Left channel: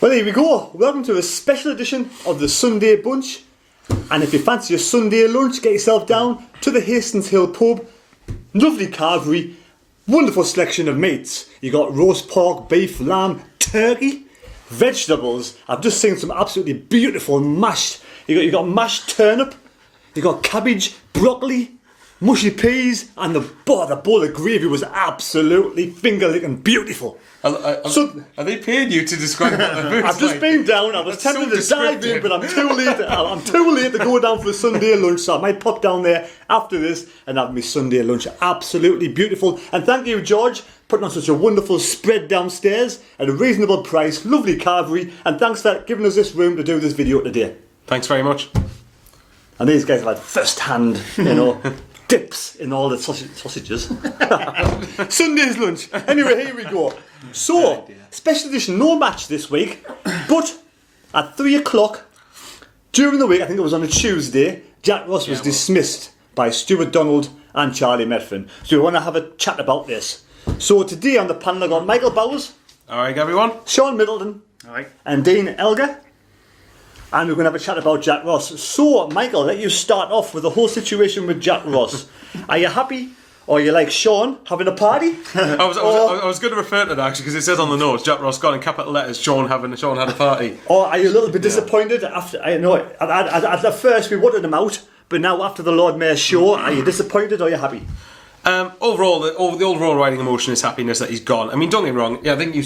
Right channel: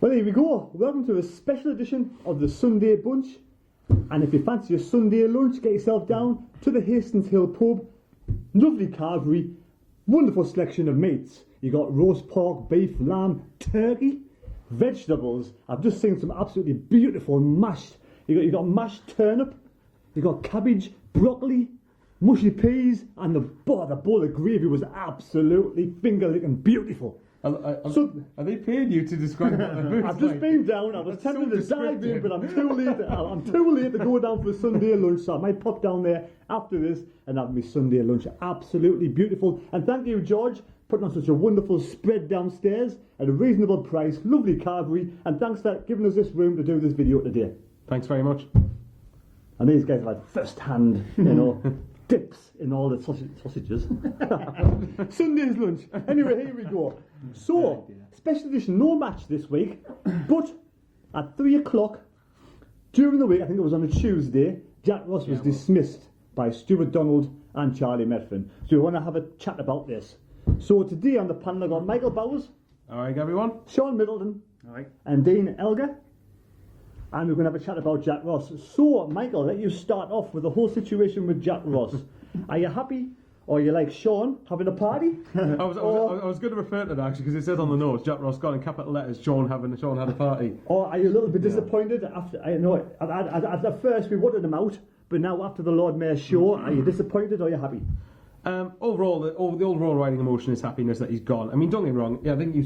Well, here we go. Welcome to a special edition of the Sunday Bunch. And if you fancy a Sunday lunch, get yourself down to the Hastings Hill pub. Lovely carvery, wonderful selection of meats. You got roast pork, beef, lamb, turkey, vegetables. I've just seen some absolutely beautiful mashed. You got mashed turnip. You got cabbage, broccoli, mushy peas, and the bowl of gravy was absolutely finger-licking beautiful. So, are they paying you to describe what the food's I've just like? been down. I was tempted to dive in, but I'm too late. I'm too late to go down for a Sunday lunch, so I might pop down there after this and have my Sunday lunch. Absolutely beautiful. And thank you, George, putting on such a wonderful spread downstairs at a reasonable price. Lovely carvery, and thanks for giving us this room to do this video today. Thanks very much. And these guys have had first-hand, dips in all the sausages. Sunday's lunch. Anyway, here we go. So, special edition, no match this week, but at 3 o'clock during the week, I think it was on a Tuesday, Jack Ross was dismissed by Stuart Donald and Charlie METHVEN. So we want to have a chat about this. So today on the panel I've got Michael Bowers. Alright everyone. Sean Middleton. Alright. And Dean Elgar. And we're going to have a chat about Jack Ross. So, Michael, let you start off with the whole situation with Jack Ross. Are you happy? Or are you like Sean, having a party? I was going to refer to that actually because it says on the notes, Jack Ross got in capital letters, Sean had a party. Or are you a little bit disappointed after? I know at first we wanted him out, but now after the Lord Mayor's show, are you disappointed or are you happy? Overall, the overall riding emotion is happiness that he's gone. I mean, don't get me wrong. Yeah, I think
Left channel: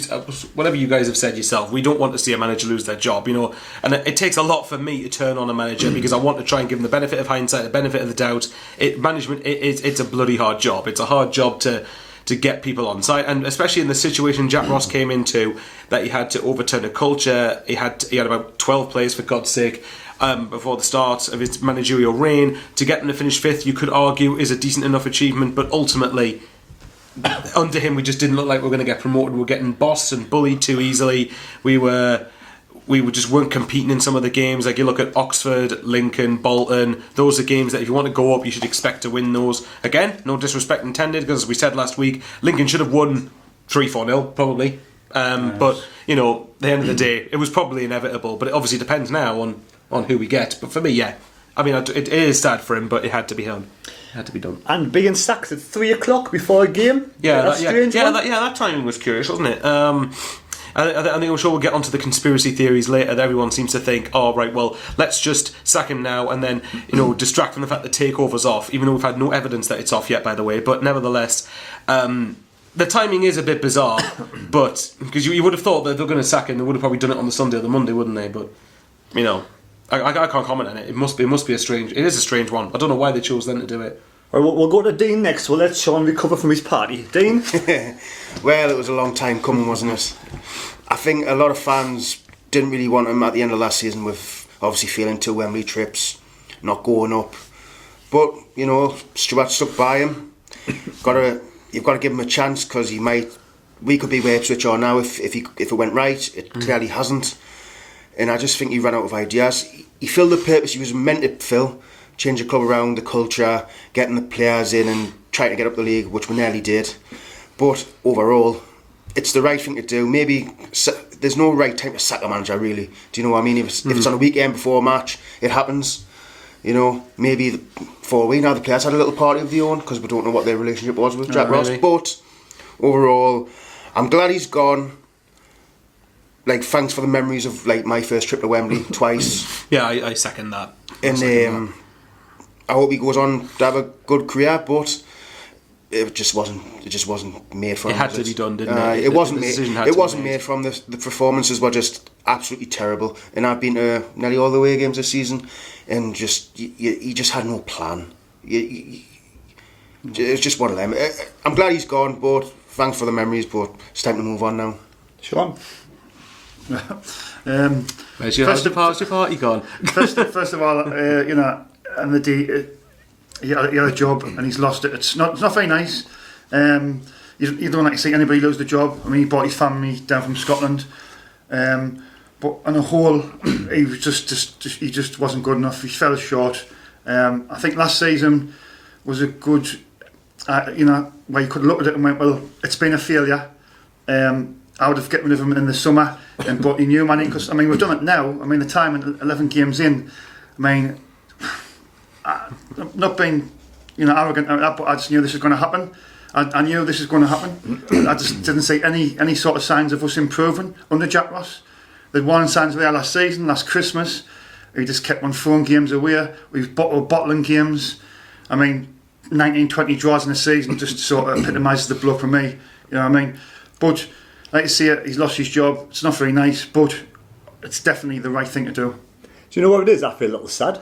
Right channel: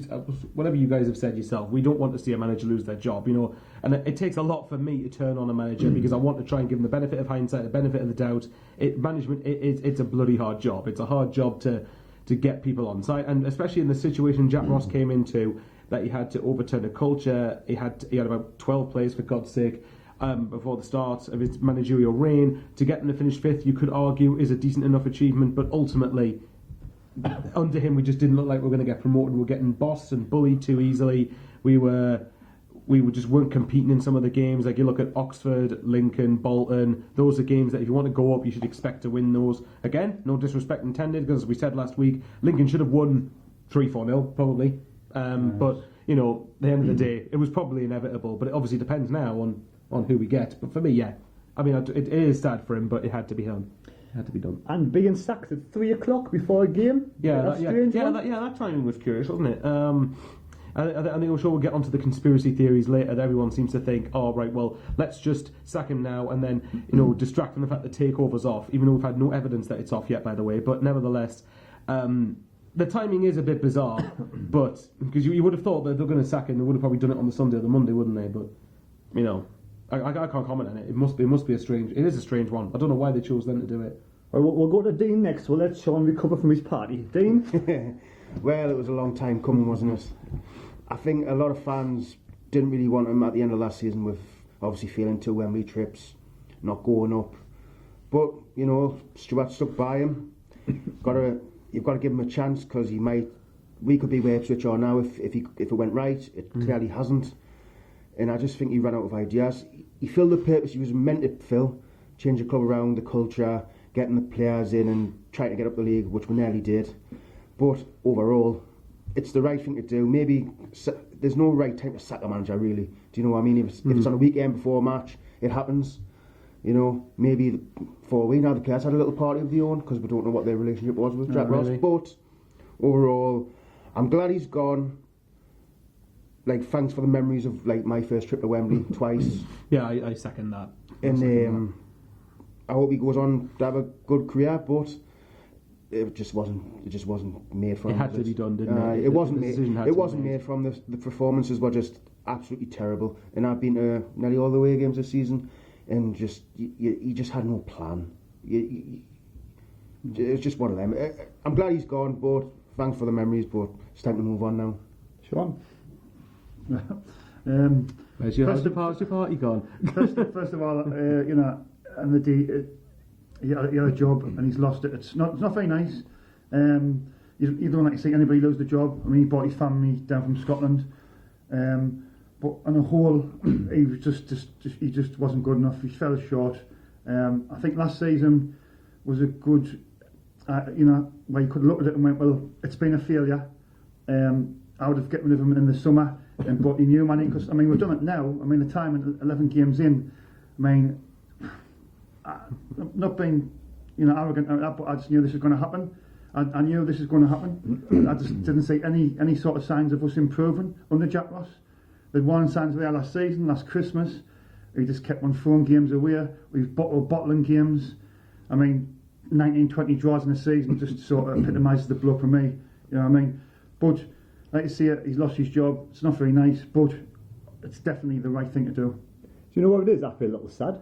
whatever you guys have said yourself, we don't want to see a manager lose their job, And it takes a lot for me to turn on a manager because I want to try and give him the benefit of hindsight, the benefit of the doubt. It's a bloody hard job. It's a hard job to get people on side, and especially in the situation Jack Ross came into, that he had to overturn a culture. He had about 12 players, for God's sake. Before the start of his managerial reign, to get them to finish fifth, you could argue is a decent enough achievement, but ultimately, under him, we just didn't look like we were going to get promoted. We were getting bossed and bullied too easily. We just weren't competing in some of the games. Like you look at Oxford, Lincoln, Bolton. Those are games that if you want to go up, you should expect to win those. Again, no disrespect intended, because as we said last week, Lincoln should have won 3-4-0 probably. But at the end of the day, it was probably inevitable. But it obviously depends now on who we get. But for me, yeah, I mean, it is sad for him, but it had to be done. It had to be done. And being sacked at 3 o'clock before a game. That timing was curious, wasn't it? I think I'm sure we'll get onto the conspiracy theories later. That everyone seems to think, oh right, well, let's just sack him now and then distract from the fact that Takeover's off, even though we've had no evidence that it's off yet, by the way. But nevertheless, the timing is a bit bizarre. But because you would have thought that they're going to sack him, they would have probably done it on the Sunday or the Monday, wouldn't they? But I can't comment on it. It must be a strange. It is a strange one. I don't know why they chose then to do it. Well, we'll go to Dean next. We'll let Sean recover from his party. Dean? Well, it was a long time coming, wasn't it? I think a lot of fans didn't really want him at the end of last season, with obviously failing 2 Wembley trips, not going up. But Stuart stuck by him. You've got to give him a chance, because we could be where Ipswich are now if it went right. It clearly hasn't. And I just think he ran out of ideas. He filled the purpose he was meant to fill, change the club around, the culture, getting the players in and trying to get up the league, which we nearly did. But overall, it's the right thing to do. Maybe there's no right time to sack a manager, really. Do you know what I mean? If it's on a weekend before a match, it happens. Maybe for a week now, the players had a little party of their own, because we don't know what their relationship was with Jack Ross. But overall, I'm glad he's gone. Thanks for the memories of my first trip to Wembley twice. Yeah, I second that. And I hope he goes on to have a good career, but it just wasn't made for him. It had to be done, didn't it? It wasn't made from the performances were just absolutely terrible. And I've been to nearly all the away games this season, and he just had no plan. It was just one of them. I'm glad he's gone, but thanks for the memories, but it's time to move on now. Sean? Where's your party gone? First of all, and the day he had a job and he's lost it. It's not very nice. You don't like to see anybody lose the job. I mean, he brought his family down from Scotland, but on a whole, he was he just wasn't good enough. He fell short. I think last season was a good, where you could look at it and went, well, it's been a failure. I would have get rid of him in the summer and brought in new money, because I mean we've done it now. I mean the time and 11 games in, I mean, I'm not being arrogant, but I just knew this was going to happen. I knew this was going to happen. I just didn't see any sort of signs of us improving under Jack Ross. The warning signs were there last season, last Christmas. He just kept on throwing games away. We were bottling games. I mean, 19, 20 draws in a season just sort of epitomises the block for me. You know what I mean? But like you see it, he's lost his job. It's not very nice, but it's definitely the right thing to do. Do you know what it is? I feel a little sad.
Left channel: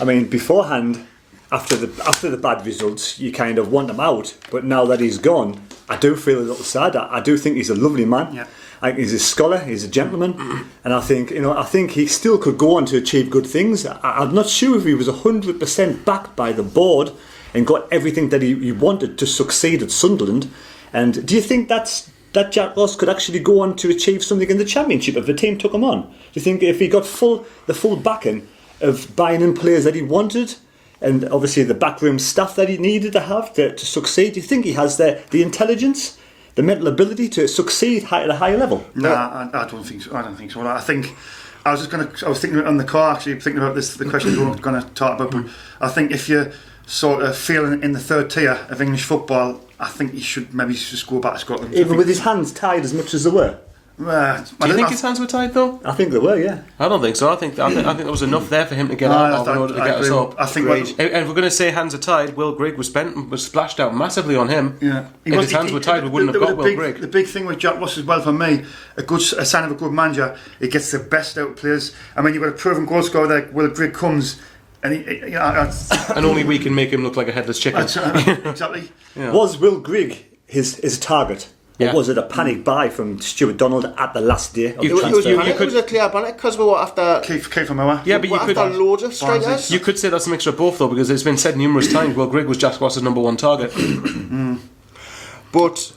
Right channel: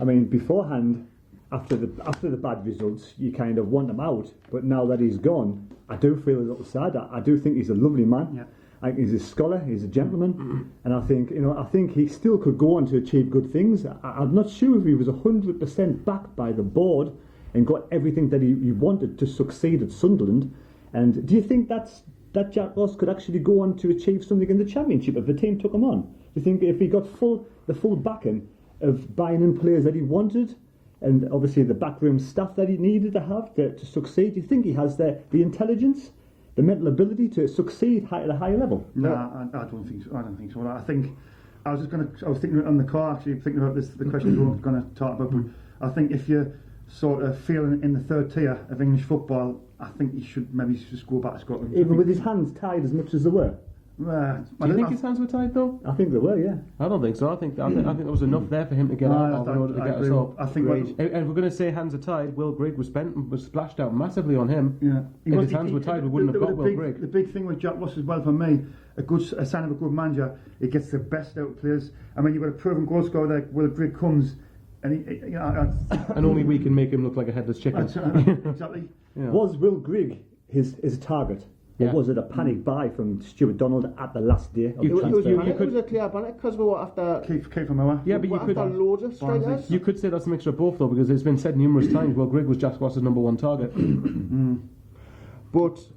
I mean, beforehand, after the bad results, you kind of want him out. But now that he's gone, I do feel a little sad. I do think he's a lovely man. Yeah. I think he's a scholar, he's a gentleman, and I think he still could go on to achieve good things. I'm not sure if he was 100% backed by the board and got everything that he wanted to succeed at Sunderland. And do you think that Jack Ross could actually go on to achieve something in the Championship if the team took him on? Do you think if he got the full backing of buying in players that he wanted, and obviously the backroom staff that he needed to have to succeed, do you think he has the intelligence, the mental ability to succeed at a higher level? No, I don't think so. I think I was thinking on the car, actually thinking about this, the questions we were going to talk about. But I think if you're sort of feeling in the third tier of English football, I think he should maybe just go back to Scotland. Even with his hands tied as much as they were. Do you think his hands were tied though? I think they were, yeah. I don't think so. I think there was enough there for him to get out of in order to get us up. I think. And if we're going to say hands are tied, Will Grigg was splashed out massively on him. Yeah. If his hands were tied, we wouldn't have got Will Grigg. The big thing with Jack Ross as well for me, a sign of a good manager, he gets the best out of players. I mean, you've got a proven goal scorer like Will Grigg comes, and and only we can make him look like a headless chicken. Exactly. Yeah. Was Will Grigg his target? Yeah. Or was it a panic buy from Stuart Donald at the last day of the It was transfer? a clear panic because we were after Kiefer Moore. Yeah, but you could after loads of strikers. You could say that's a mixture of both though, because it's been said numerous times. Will Grigg was Jack Ross's number one target. But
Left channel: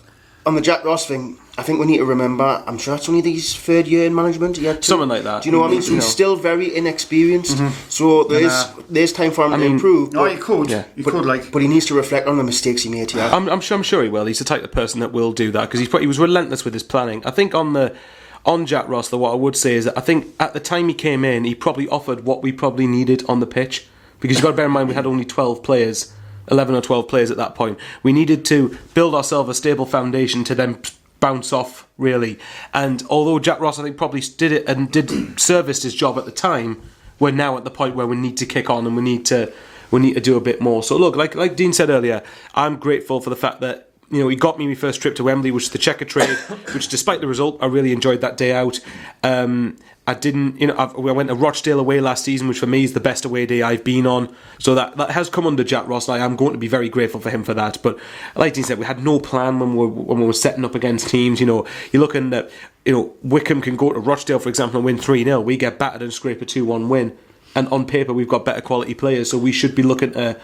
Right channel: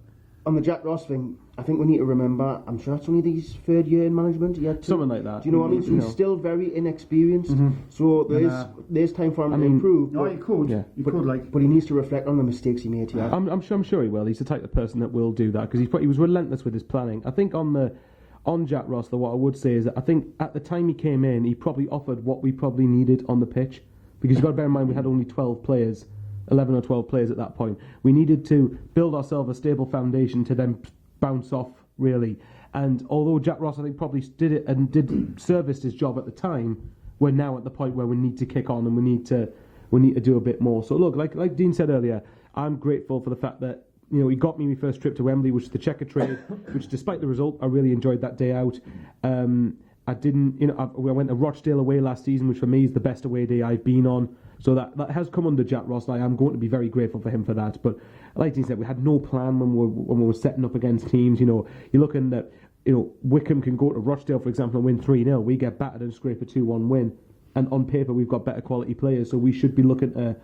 on the Jack Ross thing, I think we need to remember, I'm sure it's only his third year in management. Something like that. Do you know what I mean? So he's still very inexperienced. So there's time for him to improve. No, you could. Yeah. You could, like. But he needs to reflect on the mistakes he made here. I'm sure he will. He's the type of person that will do that because he was relentless with his planning. I think on Jack Ross, though, what I would say is that I think at the time he came in, he probably offered what we probably needed on the pitch, because you've got to bear in mind we had only 12 players, 11 or 12 players at that point. We needed to build ourselves a stable foundation to then bounce off, really. And although Jack Ross, I think, probably did it and did service his job at the time, we're now at the point where we need to kick on and we need to do a bit more. So look, like Dean said earlier, I'm grateful for the fact that he got me my first trip to Wembley, which is the Checker Trade, which despite the result, I really enjoyed that day out. I went to Rochdale away last season, which for me is the best away day I've been on. So that has come under Jack Ross, and I am going to be very grateful for him for that. But like Dean said, we had no plan when we were setting up against teams. You're looking at, Wickham can go to Rochdale, for example, and win 3-0. We get battered and scrape a 2-1 win. And on paper, we've got better quality players, so we should be looking to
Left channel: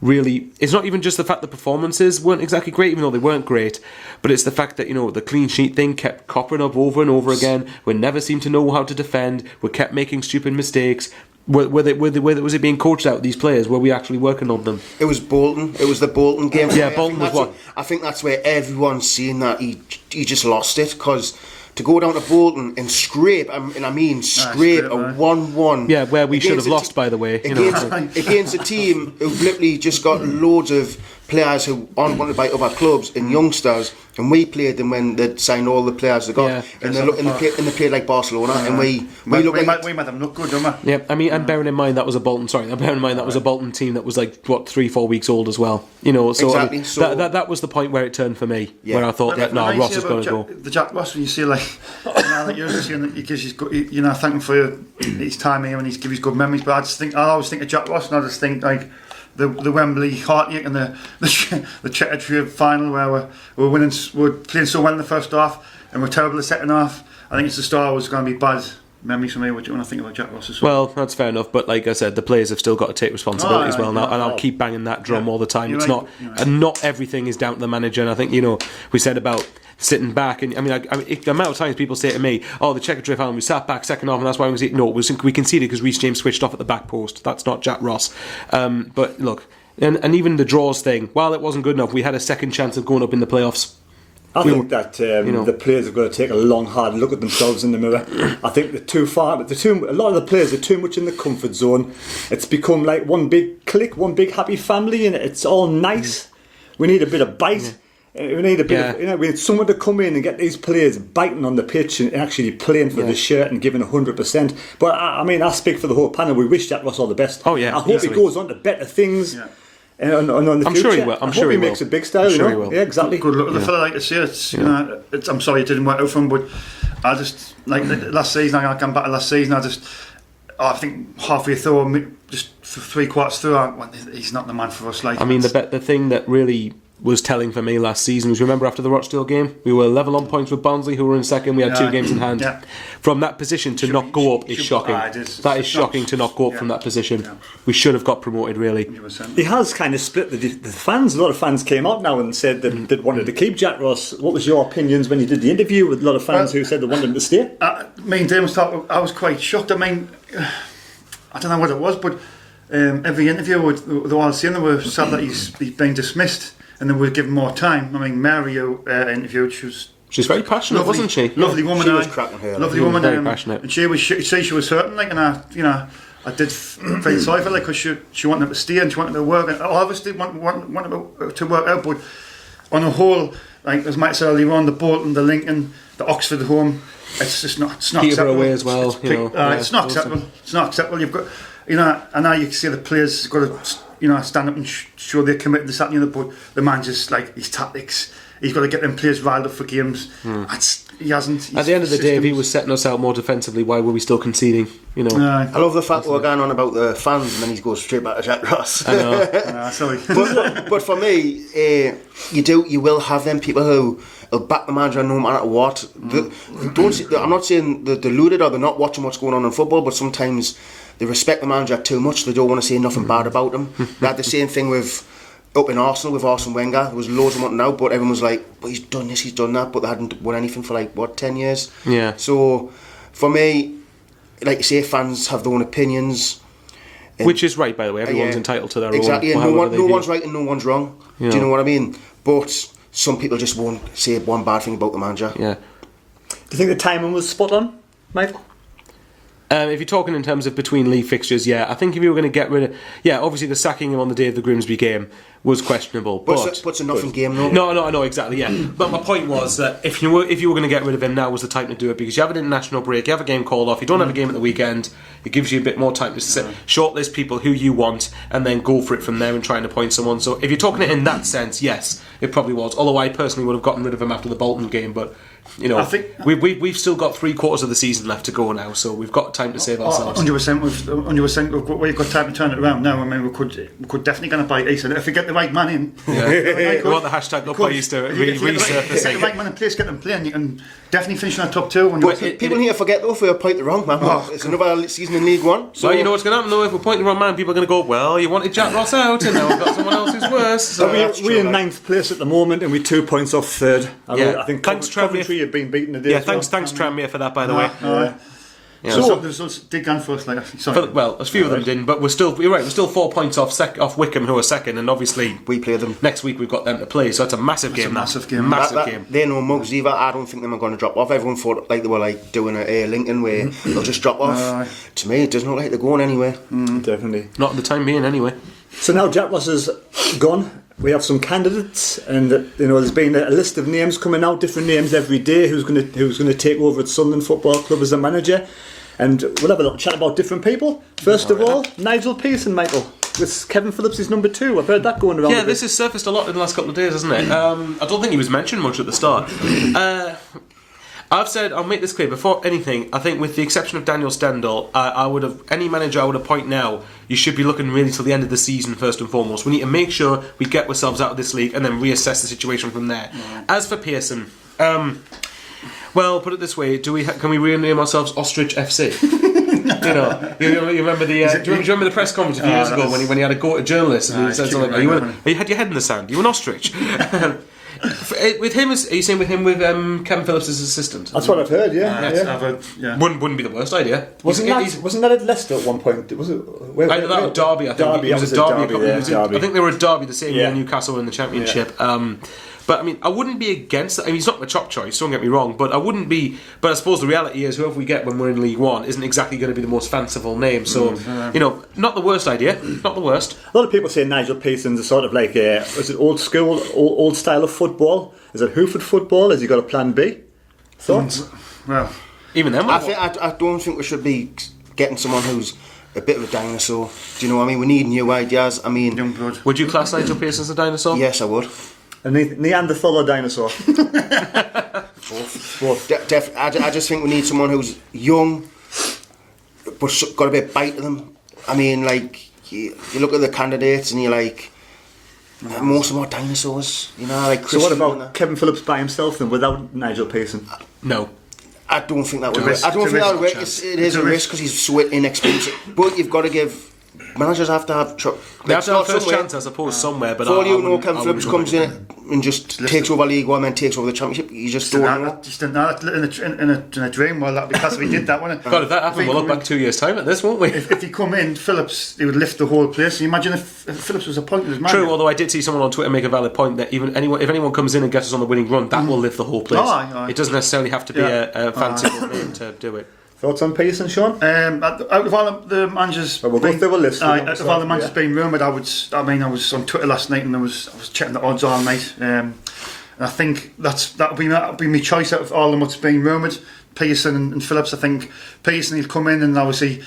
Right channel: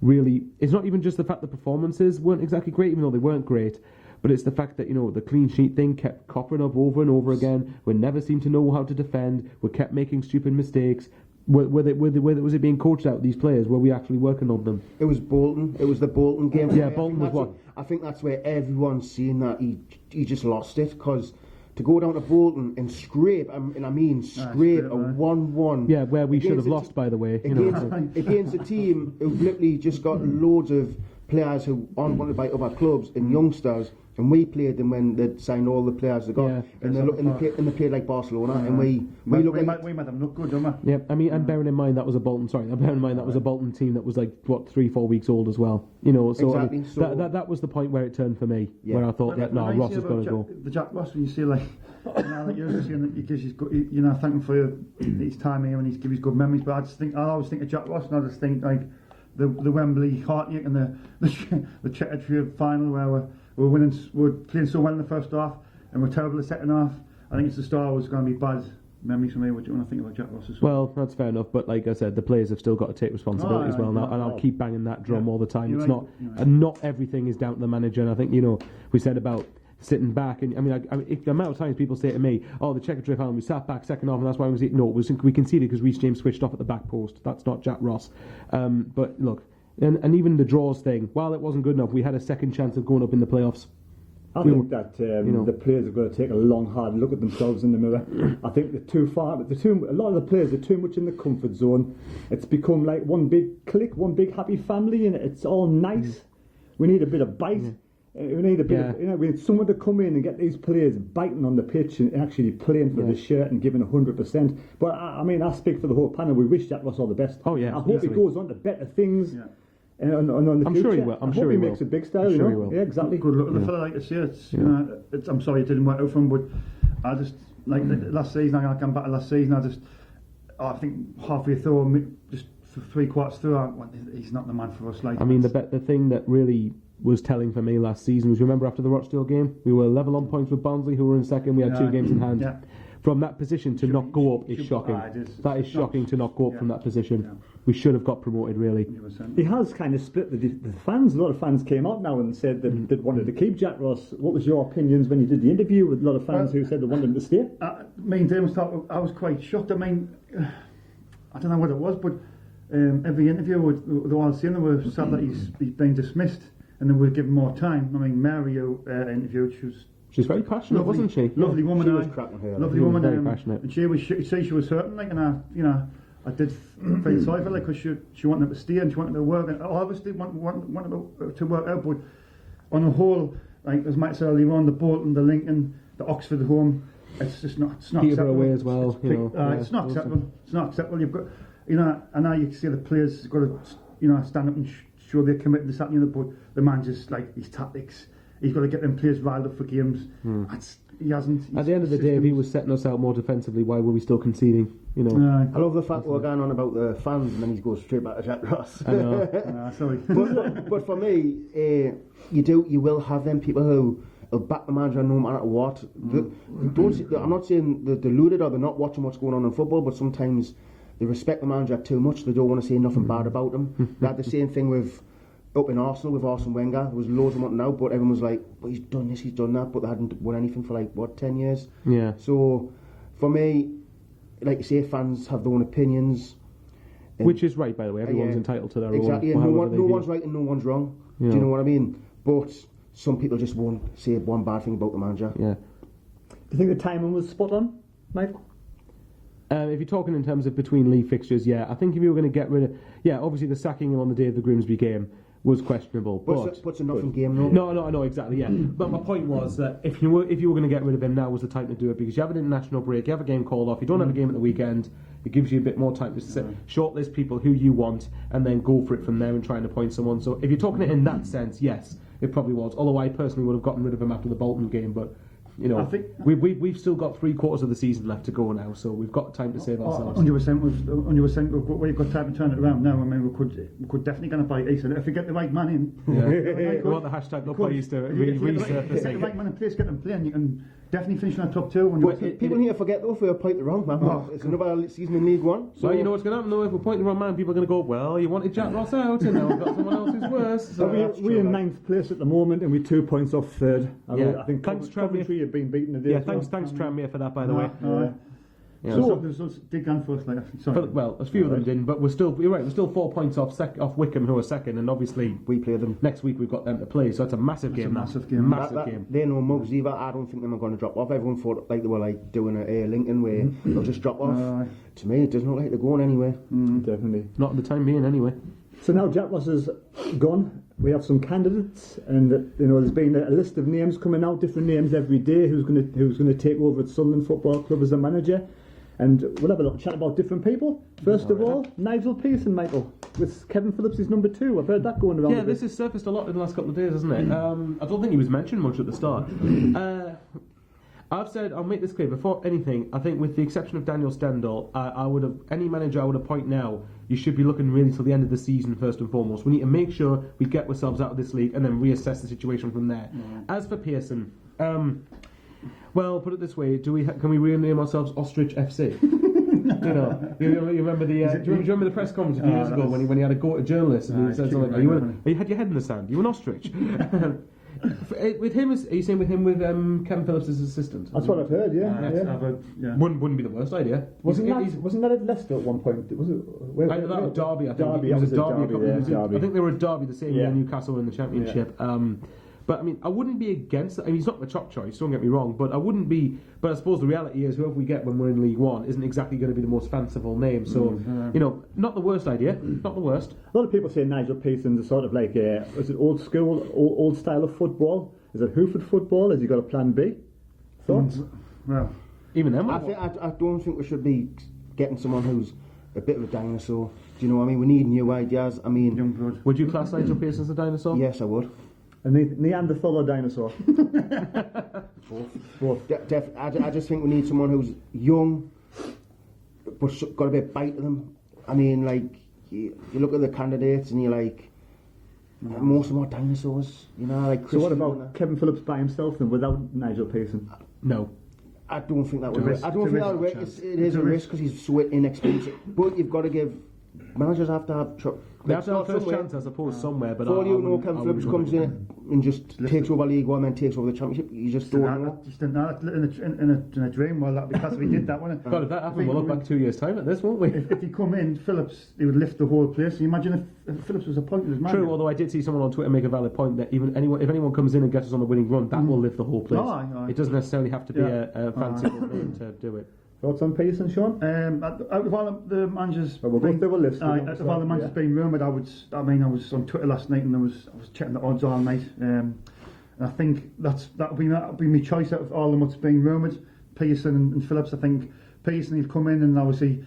really, it's not even just the fact the performances weren't exactly great, even though they weren't great, but it's the fact that the clean sheet thing kept coppering up over and over again. We never seemed to know how to defend. We kept making stupid mistakes. Was it being coached out, these players? Were we actually working on them? It was Bolton. It was the Bolton game. Yeah, Bolton was what? I think that's where everyone's seeing that he just lost it, because to go down to Bolton and scrape a 1-1. Yeah, where we should have lost, by the way. Against a team who've literally just got loads of players who aren't wanted by other clubs and youngsters, and we played them when they'd signed all the players they got, and they played like Barcelona, and we made them look good, don't we? Yeah, I mean, and bearing in mind that was a Bolton. That was a Bolton team that was like 3-4 weeks old as well. So exactly. That was the point where it turned for me, where I thought Ross is going to go. The Jack Ross, when you see like now that you're saying that he gives his good, thank him for his time here and he's given his good memories. But I always think of Jack Ross, and I just think like the Wembley heartache and the Checker Trade final where we're playing so well in the first half and we're terrible in the second half. I think it's the start was going to be bad memories for me. What do you want to think about Jack Ross as well? Well, that's fair enough, but like I said, the players have still got to take responsibility as well now, and I'll keep banging that drum all the time. It's not, and not everything is down to the manager. And I think we said about sitting back, and I mean the amount of times people say to me, "Oh, the Checker Trade final, we sat back second half, and that's why we conceded." No, we conceded because Reece James switched off at the back post. That's not Jack Ross. But look, and even the draws thing, while it wasn't good enough, we had a second chance of going up in the playoffs. I think that the players have got to take a long, hard look at themselves in the mirror. I think they're too far. A lot of the players are too much in the comfort zone. It's become like one big clique, one big happy family, and it's all nice. We need a bit of bite. We need a bit of, we need someone to come in and get these players biting on the pitch and actually playing for the shirt and giving 100%. But I speak for the whole panel. We wish Jack Ross all the best. Oh yeah, I hope he goes on to better things. Yeah. And on the I'm future. sure he will. I hope he makes a big style. I'm sure he will. Yeah, exactly. Good luck with the fella, like I say. I'm sorry it didn't work out for him, but I just last season. I come back to last season. I think halfway through, just 3 quarters through, he's not the man for us. Like, I mean, the thing that really was telling for me last season was, remember after the Rochdale game, we were level on points with Barnsley, who were in second. We had 2 games in hand. Yeah. From that position to not go up is shocking. That is shocking to not go up from that position. Yeah. We should have got promoted, really. 100%. He has kind of split the fans. A lot of fans came out now and said that they wanted to keep Jack Ross. What was your opinions when you did the interview with a lot of fans who said they wanted him to stay? Me and Dave I was quite shocked. I mean, I don't know what it was, but every interview they were all saying they were sad that he's been dismissed, and then we'll give him more time. I mean, Mario interviewed. She's very passionate, lovely, wasn't she? Lovely woman. She was cracking her. Lovely woman. Very passionate. And she was hurting, like, and I did feel sorry for her, like, because she wanted to stay and she wanted to work, and all of us did want to work out, but on a whole, like as Mike said earlier on, the Bolton, the Lincoln, the Oxford home, it's just not. It's not Peterborough acceptable. away as well. It's not acceptable. It's not acceptable. You've got, and now you can see the players got to, stand up and show they're committed to this, that, and the other. But the man just, like, his tactics, he's got to get them players riled up for games. He hasn't. At the end of the day, if he was setting us out more defensively, why were we still conceding? I love the fact that we're going on about the fans and then he goes straight back to Jack Ross. I know. Sorry. but for me, you will have them people who will back the manager no matter what. I'm not saying they're deluded or they're not watching what's going on in football, but sometimes they respect the manager too much. They don't want to say nothing bad about him. They had the same thing up in Arsenal with Arsene Wenger. There was loads of wanting out, but everyone was like, well, he's done this, he's done that, but they hadn't won anything for 10 years. Yeah. So for me, like you say, fans have their own opinions. Which is right, by the way. Everyone's entitled to their own. Exactly, and no one's right and no one's wrong. Do you know what I mean? But some people just won't say one bad thing about the manager. Yeah. Do you think the timing was spot on, Michael? If you're talking in terms of between league fixtures, yeah, I think if you were going to get rid of, obviously the sacking him on the day of the Grimsby game was questionable. But it's a nothing game, though. No, exactly, yeah. But my point was that if you were going to get rid of him, now was the time to do it, because you have an international break, you have a game called off, you don't have a game at the weekend. It gives you a bit more time to shortlist people who you want and then go for it from there and try and appoint someone. So if you're talking it in that sense, yes, it probably was. Although I personally would have gotten rid of him after the Bolton game, but I think we've still got 3/4 of the season left to go now, so we've got time to save ourselves. 100%. We've got time to turn it around now. I mean, we could definitely going to buy East if we get the right man in. Yeah. We want the hashtag up by Easter resurfacing. Get the right man in place, get them playing. You can definitely finish in the top 2. But people need to forget though if we appoint the wrong man. It's another season in League One. So you know what's going to happen though? If we appoint the wrong man, people are going to go, well, you wanted Jack Ross out, and now we've got someone else who's worse. So we're in 9th place at the moment, and we're 2 points off 3rd. I think thanks, Coventry have been beaten today. Yeah, thanks Tranmere for that, by the way. So the results did go for us. A few of them didn't, but we're still 4 points off Wickham, who are second, and obviously we play them next week. We've got them to play, so it's a massive game. Massive game. They're no mugs either. I don't think them are going to drop off. Everyone thought like they were doing a Lincoln where they'll just drop off. To me, it doesn't look like they're going anywhere. Definitely not at the time being, anyway. So now Jack Ross is gone. We have some candidates, and there's been a list of names coming out, different names every day. Who's going to take over at Sunderland Football Club as a manager? And we'll have a little chat about different people. First of all, Nigel Pearson, Michael, with Kevin Phillips is number 2. I've heard that going around. Yeah, this has surfaced a lot in the last couple of days, hasn't it? I don't think he was mentioned much at the start. I've said, I'll make this clear before anything, I think with the exception of Daniel Stendel, any manager I would appoint now, you should be looking really till the end of the season first and foremost. We need to make sure we get ourselves out of this league and then reassess the situation from there. As for Pearson, well, put it this way, can we rename ourselves Ostrich FC? you remember the do you remember the press conference a few years ago when he had a go at a journalist and he said something like, you had your head in the sand, you were an ostrich. With him, are you saying with him with Kevin Phillips as assistant? That's what I've heard. Yeah. Wouldn't be the worst idea. Wasn't that at Leicester at one point? Was it? That was Derby. I think Derby. It was a Derby. Derby. I think they were at Derby the same year Newcastle were in the Championship. But I mean, I wouldn't be against it. I mean, he's not my top choice, don't get me wrong, but I wouldn't be. But I suppose the reality is, whoever we get when we're in League One isn't exactly going to be the most fanciful name. So, you know, not the worst idea, not the worst. A lot of people say Nigel Pearson's a sort of like, is it old school, old style of football? Is it Hooford football? Has he got a plan B? Thoughts? Well, Even then, I don't think we should be getting someone who's a bit of a dinosaur. Do you know what I mean? We need new ideas. I mean, young blood. would you class Nigel Pearson as a dinosaur? yes, I would. A Neanderthal or dinosaur? Both. I just think we need someone who's young, but got a bit of bite to them. I mean, like, you look at the candidates and you're like, most of them are dinosaurs. You know, like So what Christian about Kevin Phillips by himself then, without Nigel Pearson? No. I don't think that would It's work. a I don't think that would work. risk. It is a risk because he's so inexpensive. But you've got to give... Managers have to have... They have to have first chance, I suppose, somewhere. But For all I you know, wouldn't- Kevin I Phillips wouldn't comes go in and just takes over League One and takes over the Championship. You just don't know. Just in a dream. Well, that'd be class if he did that, wouldn't it? God, if that happened, we'll look back 2 years' time at this, won't we? If he come in, Phillips, he would lift the whole place. Can you imagine if Phillips was appointed as manager? True, although I did see someone on Twitter make a valid point that if anyone comes in and gets us on the winning run, that will lift the whole place. Aye. It doesn't necessarily have to be Yeah. a fancy name to do it. Thoughts on Pearson, Sean? Out of all the managers, Well, we'll go through a list. out of all the managers being rumoured, I was on Twitter last night and I was checking the odds all night. And I think that'll be my choice out of all of them what's being rumoured. Pearson and Phillips. I think Pearson will come in and obviously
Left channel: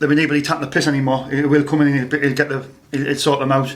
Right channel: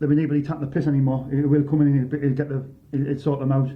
they'll be able to tap the piss anymore. He will come in and he'll sort them out.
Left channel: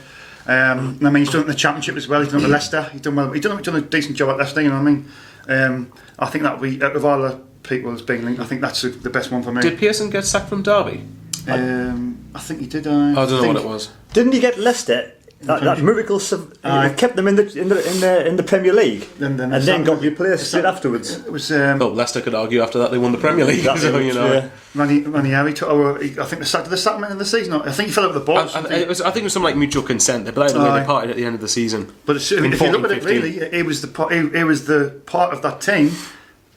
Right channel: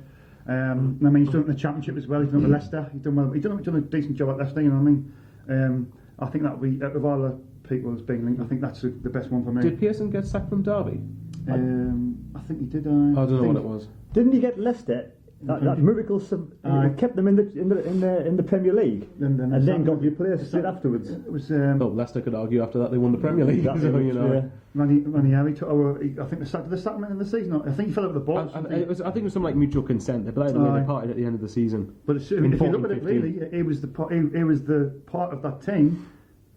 I mean, he's done it in the Championship as well. He's done it at Leicester. He's done well. He's done a decent job at Leicester. You know what I mean? I think that'll be out of all the people that's being linked. I think that's the best one for me. Did Pearson get sacked from Derby? I think he did. I don't know what it was. Didn't he get Leicester? That miracle kept them in the Premier League, and then got replaced straight afterwards. It was Well, Leicester could argue after that they won the Premier League. So, you know. Yeah. Ranieri took over. I think the settlement in the season. I think he fell out with the ball. I think it was some like mutual consent. But either way, they parted at the end of the season. But if you look at it, really, he was the part of that team.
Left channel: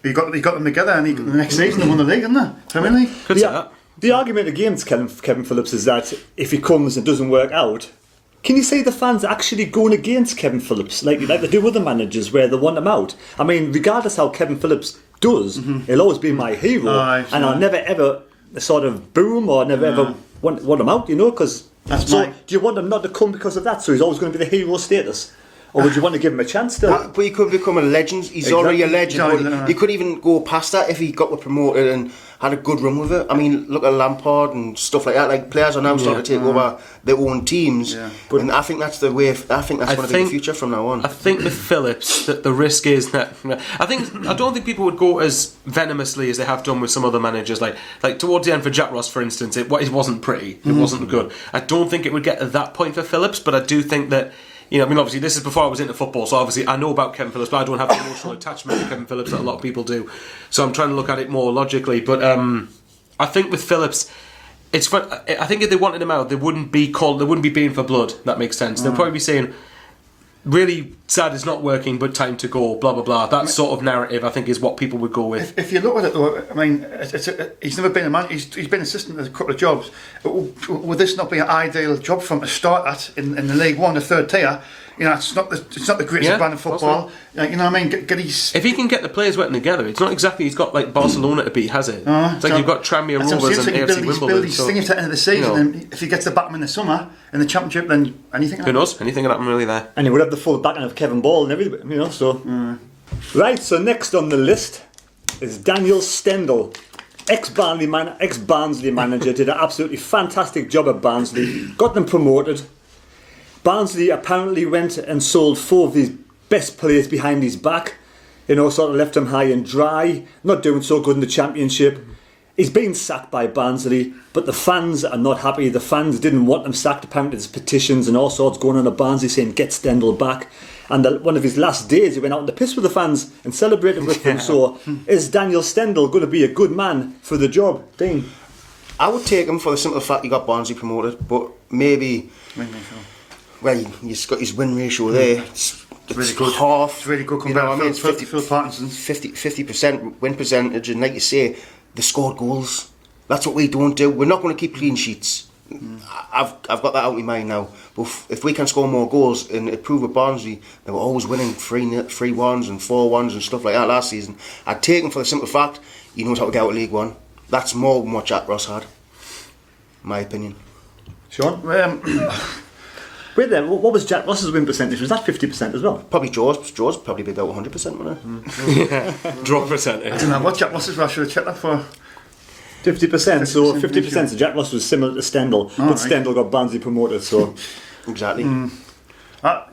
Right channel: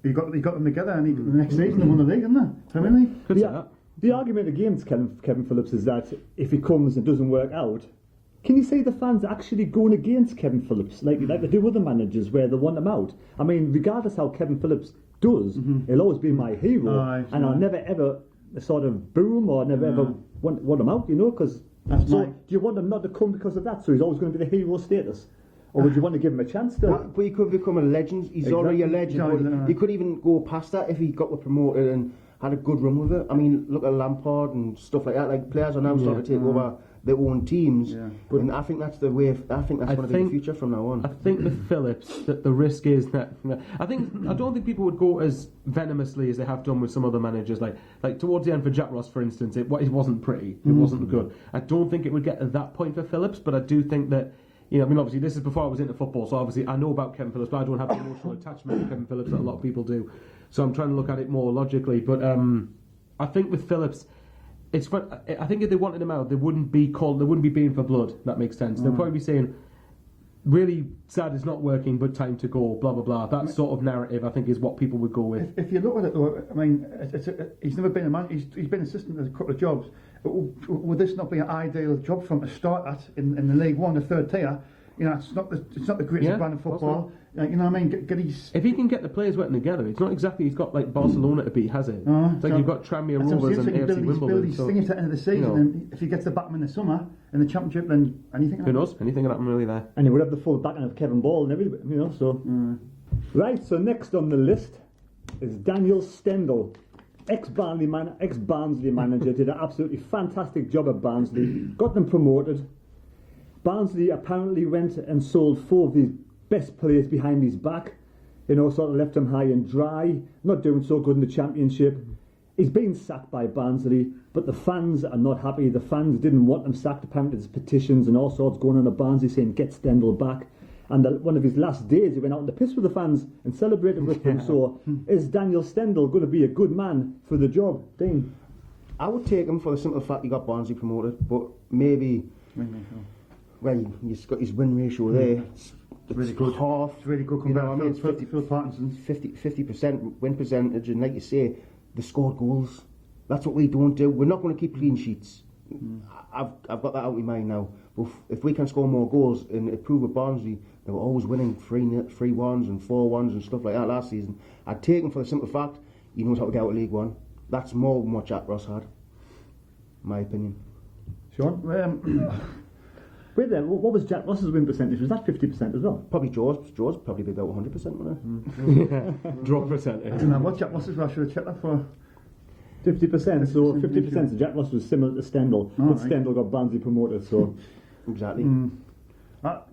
He got them together, and the next season they won the league, didn't they? Premier League. Could say that. The argument against Kevin Phillips is that if he comes and doesn't work out, can you say the fans are actually going against Kevin Phillips like they do other managers where they want him out? I mean, regardless how Kevin Phillips does, he'll always be my hero, and I'll never ever sort of boo him or never ever want him out, you know, because do you want him not to come because of that? So he's always going to be the hero status. Or would you want to give him a chance still? But he could become a legend. He's already a legend. But he could even go past that if he got promoted and had a good run with it. I mean, look at Lampard and stuff like that. Like, players are now starting to take over their own teams. Yeah. And I think that's the way. I think that's going to be the future from now on. I think with Phillips, that the risk is that I don't think people would go as venomously as they have done with some other managers. Like towards the end for Jack Ross, for instance, it wasn't pretty. It wasn't good. I don't think it would get to that point for Phillips, but I do think that. You know, I mean, obviously, this is before I was into football, so obviously I know about Kevin Phillips, but I don't have the emotional attachment to Kevin Phillips that a lot of people do. So I'm trying to look at it more logically. But I think with Phillips, it's fun. I think if they wanted him out, they wouldn't be being for blood. That makes sense. They'll probably be saying, really sad it's not working, but time to go, blah, blah, blah. That sort of narrative, I think, is what people would go with. If you look at it, though, I mean, he's never been a man. He's been assistant at a couple of jobs. Would this not be an ideal job for him to start at in the League One, the third tier? You know, it's not the greatest brand of football. You know what I mean? If he can get the players working together, it's not exactly he's got like Barcelona to beat, has it? It's like you've got Tranmere Rovers and AFC Wimbledon. Build these things at the end of the season, and if he gets the back in the summer in the Championship, then anything. Who knows? Anything can happen really there. And he would have the full backing of Kevin Ball and everything, you know. So right. So next on the list is Daniel Stendel. Ex-Barnsley manager, did an absolutely fantastic job at Barnsley, got them promoted. Barnsley apparently went and sold 4 of his best players behind his back, you know, sort of left him high and dry, not doing so good in the Championship. He's been sacked by Barnsley, but the fans are not happy. The fans didn't want him sacked. Apparently there's petitions and all sorts going on at Barnsley saying get Stendel back. And one of his last days he went out on the piss with the fans and celebrated with them. So is Daniel Stendel going to be a good man for the job, Dean? I would take him for the simple fact he got Barnsley promoted, but maybe... Well, he's got his win ratio there. It's really good. Half. It's really good compared to Phil Parkinson's. 50% win percentage, and like you say, they scored goals. That's what we don't do. We're not going to keep clean sheets. I've got that out of my mind now. But if we can score more goals and improve with Barnsley, they were always winning 3-1s and 4-1s and stuff like that last season. I'd take him for the simple fact he knows how to get out of League One. That's more than what Jack Ross had, in my opinion. Sean? Wait there, what was Jack Ross's win percentage? Was that 50% as well? Probably Joe's probably be about 100%, wouldn't it? Drop percentage. I don't know what Jack Ross's I should have checked that for. 50%, so 50%. So Jack Ross was similar to Stendel, but right. Stendel got Barnsley promoted, so... Exactly. You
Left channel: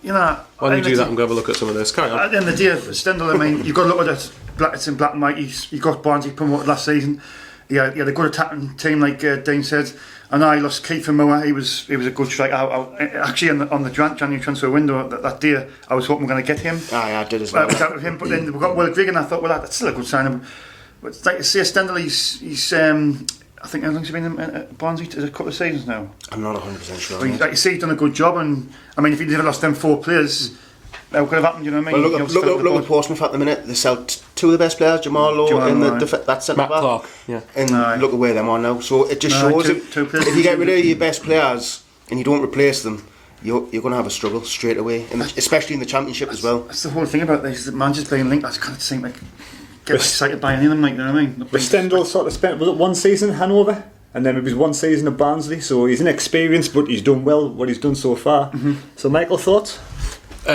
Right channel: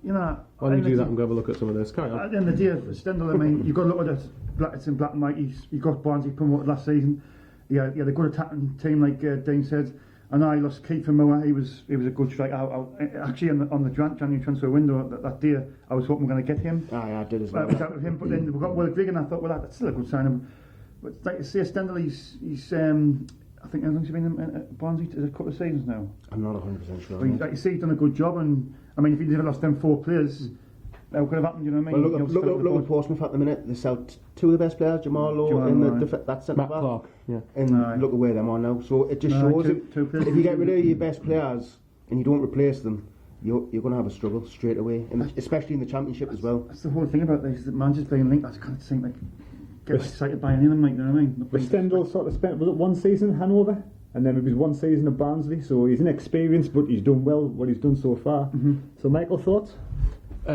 know, Why don't you do that and go have a look at some of this? Carry on. at the end of the day, Stendel, I mean, you've got to look at it. It's in black and white. He got Barnsley promoted last season. He had a good attacking team, like Dean said. And I lost Keith and Moore. He was a good striker. Actually, on the January transfer window that day, I was hoping we're going to get him. I did as well. I was out with him, but then we got Will Grigg, and I thought, well, that's still a good sign. But it's like to say, Stendel, he's I think how long's he been at Barnsley? A couple of seasons now. I'm not 100% sure. But like you say, he's done a good job, and I mean, if he'd never lost them 4 players, that could have happened. You know what I mean? Well, look at Portsmouth at the minute. They sell 2 of the best players, Jamal Lowe and that centre Matt back. Clark, yeah. And look at where they're on now. So it just shows two players. if you get rid of your best players and you don't replace them, you're going to have a struggle straight away, especially in the Championship as well. That's the whole thing about this. That managers being linked. I just kind of think like get excited by any of them. Like, you know what I mean? But Stendel sort of spent, was it 1 season at Hanover? And then it was 1 season at Barnsley, so he's inexperienced, but he's done well what he's done so far. So, Michael, thoughts?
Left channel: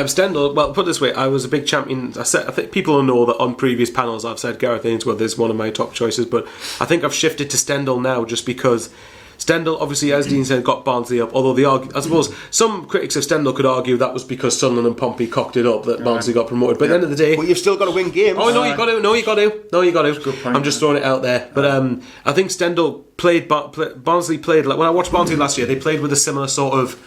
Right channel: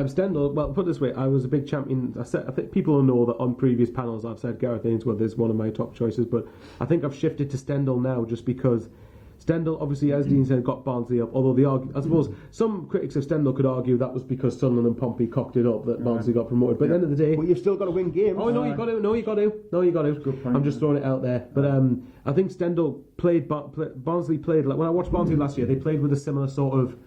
Stendel, well, put it this way, I was a big champion. I think people know that on previous panels I've said Gareth Ainsworth is one of my top choices, but I think I've shifted to Stendel now just because Stendel, obviously, as Dean said, got Barnsley up. Although I suppose some critics of Stendel could argue that was because Sunderland and Pompey cocked it up that Barnsley got promoted. But at the end of the day, well, you've still got to win games. Oh no, you got to. Good point, I'm just throwing it out there. But I think Stendel Barnsley played like when I watched Barnsley last year. They played with a similar sort of.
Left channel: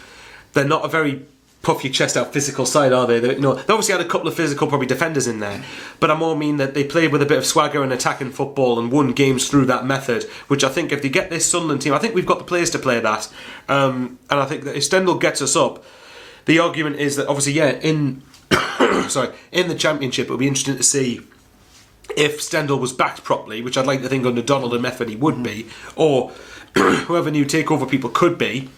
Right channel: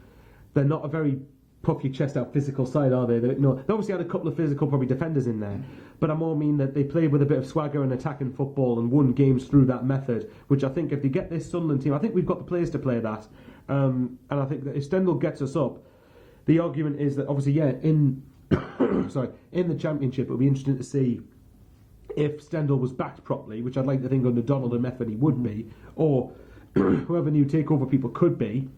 They're not a very puff your chest out physical side, are they? They obviously had a couple of physical probably defenders in there, but I more mean that they played with a bit of swagger and attacking football and won games through that method, which I think if they get this Sunderland team, I think we've got the players to play that, and I think that if Stendel gets us up, the argument is that obviously in the Championship it'll be interesting to see if Stendel was backed properly, which I'd like to think under Donald and Methven he would be, or whoever new takeover people could be.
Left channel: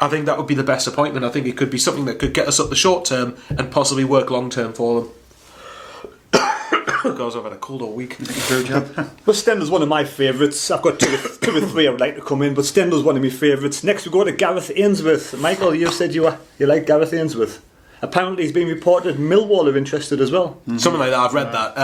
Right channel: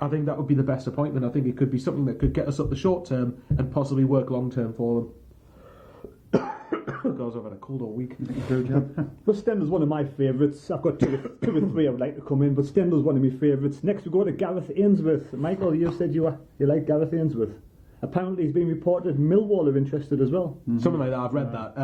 I think that would be the best appointment. I think it could be something that could get us up the short term and possibly work long term for them. Guys, I've had a cold all week. Well, Stendel's one of my favourites. I've got two or three I would like to come in, but Stendel's one of my favourites. Next we go to Gareth Ainsworth. Michael, you said you like Gareth Ainsworth. Apparently he's been reported Millwall are interested as well. Something like that, I've read that.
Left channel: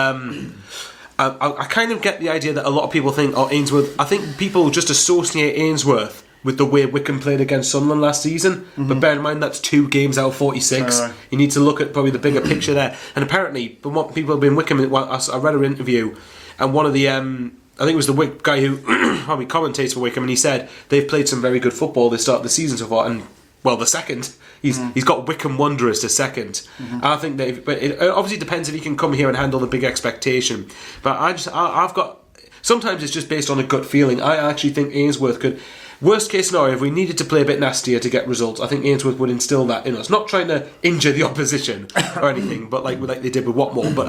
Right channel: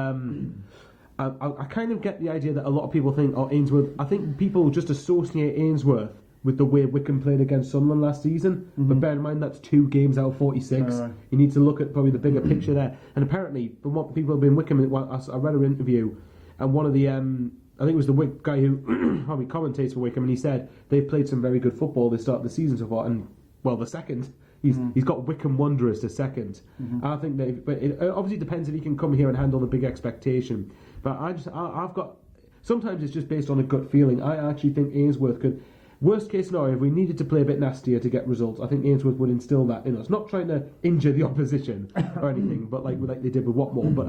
I kind of get the idea that a lot of people think, Ainsworth, I think people just associate Ainsworth with the way Wickham played against Sunderland last season, but bear in mind that's 2 games out of 46. You need to look at probably the bigger picture there. And apparently, from what people have been Wickham, I read an interview, and one of the I think it was the guy who probably commentates for Wickham, and he said they've played some very good football this start of the season so far, and well, the second he's got Wickham Wanderers to second. And I think but it obviously depends if he can come here and handle the big expectation. But I've got sometimes it's just based on a gut feeling. I actually think Ainsworth could. Worst case scenario, if we needed to play a bit nastier to get results, I think Ainsworth would instill that in us. Not trying to injure the opposition or anything, but like they did with Watmore. But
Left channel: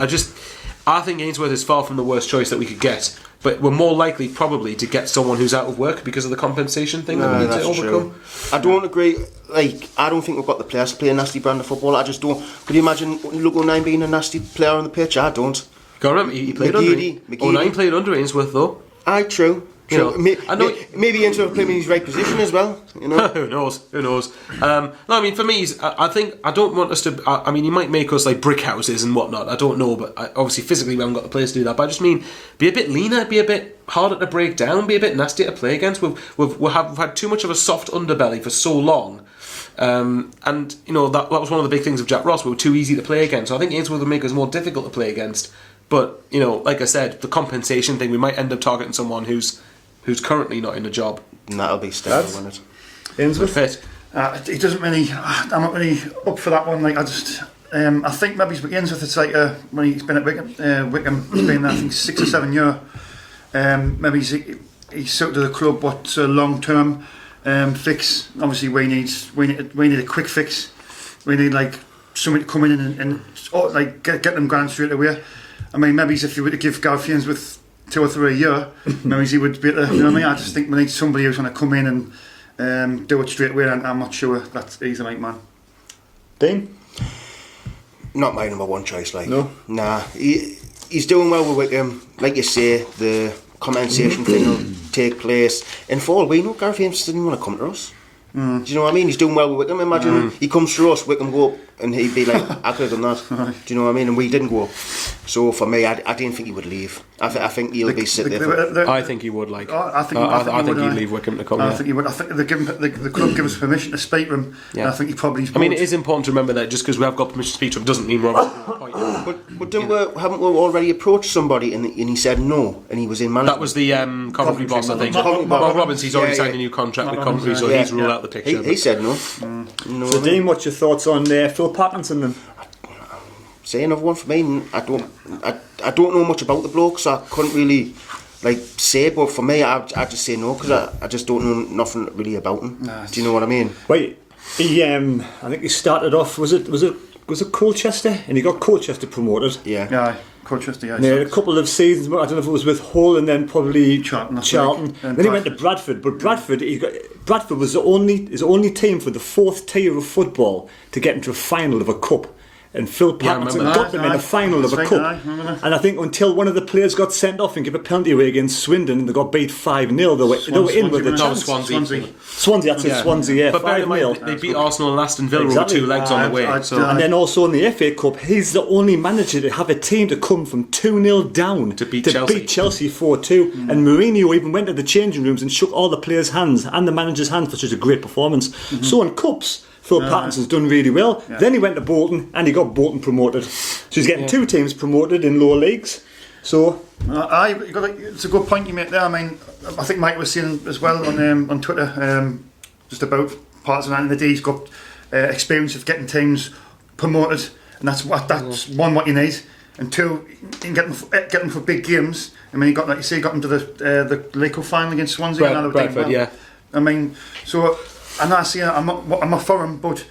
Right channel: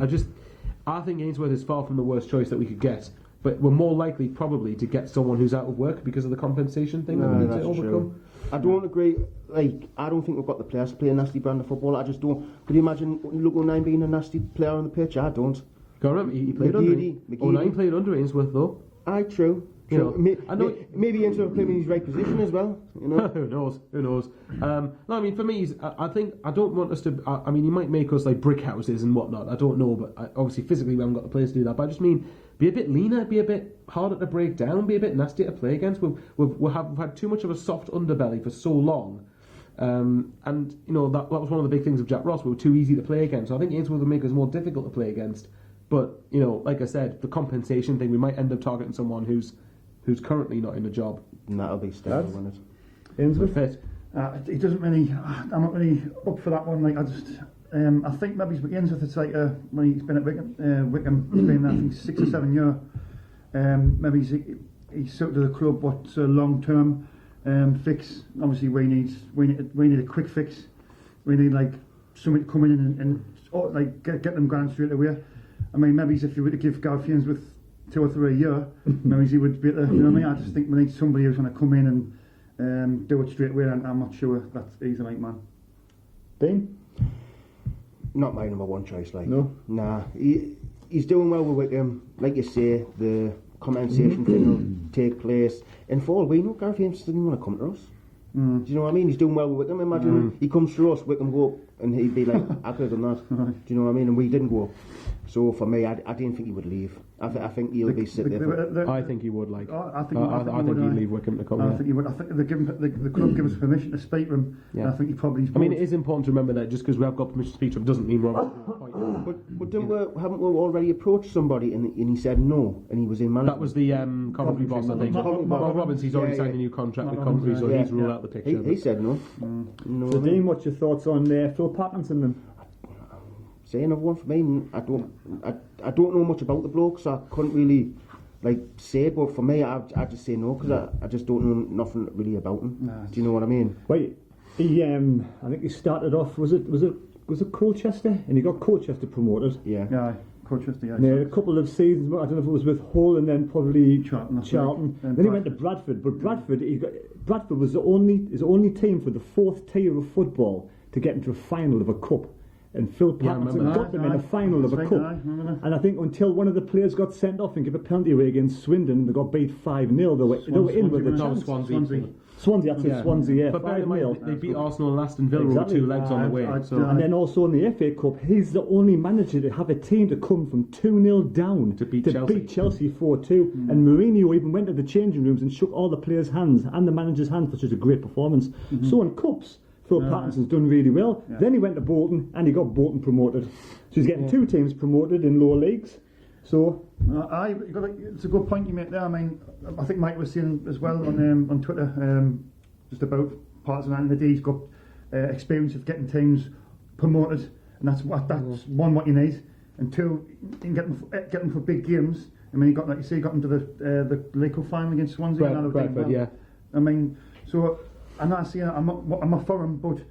I think Ainsworth is far from the worst choice that we could get. But we're more likely probably to get someone who's out of work because of the compensation thing that we need to overcome. I don't agree. I don't think we've got the players to play a nasty brand of football. I just don't. Could you imagine Luke O'Nien being a nasty player on the pitch? I don't. Go remember, he played under O'Nien played under Ainsworth though. Aye, true. Maybe Ainsworth playing in his right position as well. You know, who knows? No, I mean for me, I think I don't want us to. I mean, he might make us like brick houses and whatnot. I don't know, but obviously physically we haven't got the players to do that. But I just mean be a bit leaner, be a bit harder to break down, be a bit nastier to play against. We've had too much of a soft underbelly for so long. And that was one of the big things of Jack Ross. We were too easy to play against. So I think Ainsworth would make us more difficult to play against. But like I said, the compensation thing, we might end up targeting someone who's currently not in a job. And that'll be Stendel, won't it? Ainsworth fit. He doesn't really. I'm not really up for that one. Like I think maybe Ainsworth. It's like when he's been at Wickham, he's been there, I think 6 or 7 years. Maybe he's sort of the club, but long term fix. Obviously, we need a quick fix. We need like somebody to come in and get them going straight away. I mean, maybe if you were to give Gareth Ainsworth 2 or 3 a year, maybe he would be able to, you know what I mean? I just think we need somebody who's going to come in do it straight away, and I'm not sure that he's the right man. Dean? Not my number one choice, like. No? Nah. He's doing well with Wickham. Like you say, the compensation thing will take place. And for all we know, Gareth James didn't want to come to us. Do you know what I mean? He's doing well with Wickham. Imagine he comes through us, Wickham go up, and he'd be like, I could have done that. Do you know what I mean? And we didn't go up. So for me, I didn't think he would leave. I think he'll be sitting there. I think he would, like. I think he'd leave Wickham to come I here. think he would. I think the club give us permission to speak to him. Yeah. And I think he probably. I mean, it is important to remember that just because we have got permission to speak to him doesn't mean we're appointing. But haven't we already approached somebody and he said no, and he was in management? That was the Coventry boss, I think. Mark Mark Robbins, he's already signed a new contract with Coventry, so he's ruled out the picture. He said no. So Dean, what's your thoughts on Phil Parkinson then? Say another one for me. I don't know much about the bloke, so I couldn't really say. But for me, I just say no because I just don't know nothing really about him. Do you know what I mean? Wait, he I think he started off. Was it Colchester, and he got Colchester promoted. Yeah. Colchester. Yeah. And he had a couple of seasons. I don't know if it was with Hull and then probably Charlton. And then he went to Bradford, but Bradford was his only team for the fourth tier of football to get into a final of a cup. And Phil Parkinson got them in a final of a cup. And I think until one of the players got sent off and gave a penalty away against Swindon and they got beat 5-0, they were in with a chance. Swansea, that's it, Swansea, yeah. But bear in mind, they beat Arsenal and Aston Villa with 2 legs on the way. And then also in the FA Cup, he's the only manager to have a team to come from 2-0 down to beat Chelsea 4-2. And Mourinho even went to the changing rooms and shook all the players' hands and the manager's hands for such a great performance. So in cups, Phil Parkinson's done really well. Then he went to Bolton and he got Bolton promoted. So he's getting 2 teams promoted in lower leagues. So it's a good point you make there. I mean, I think Mike was saying as well on Twitter just about Parkinson, and the day he's got experience of getting teams promoted, and that's one what you need, and 2 you can get them for big games. I mean, he got, like you say, he got them to the League Cup final against Swansea. Bradford, yeah. I mean, so. And I see, I'm not for him, but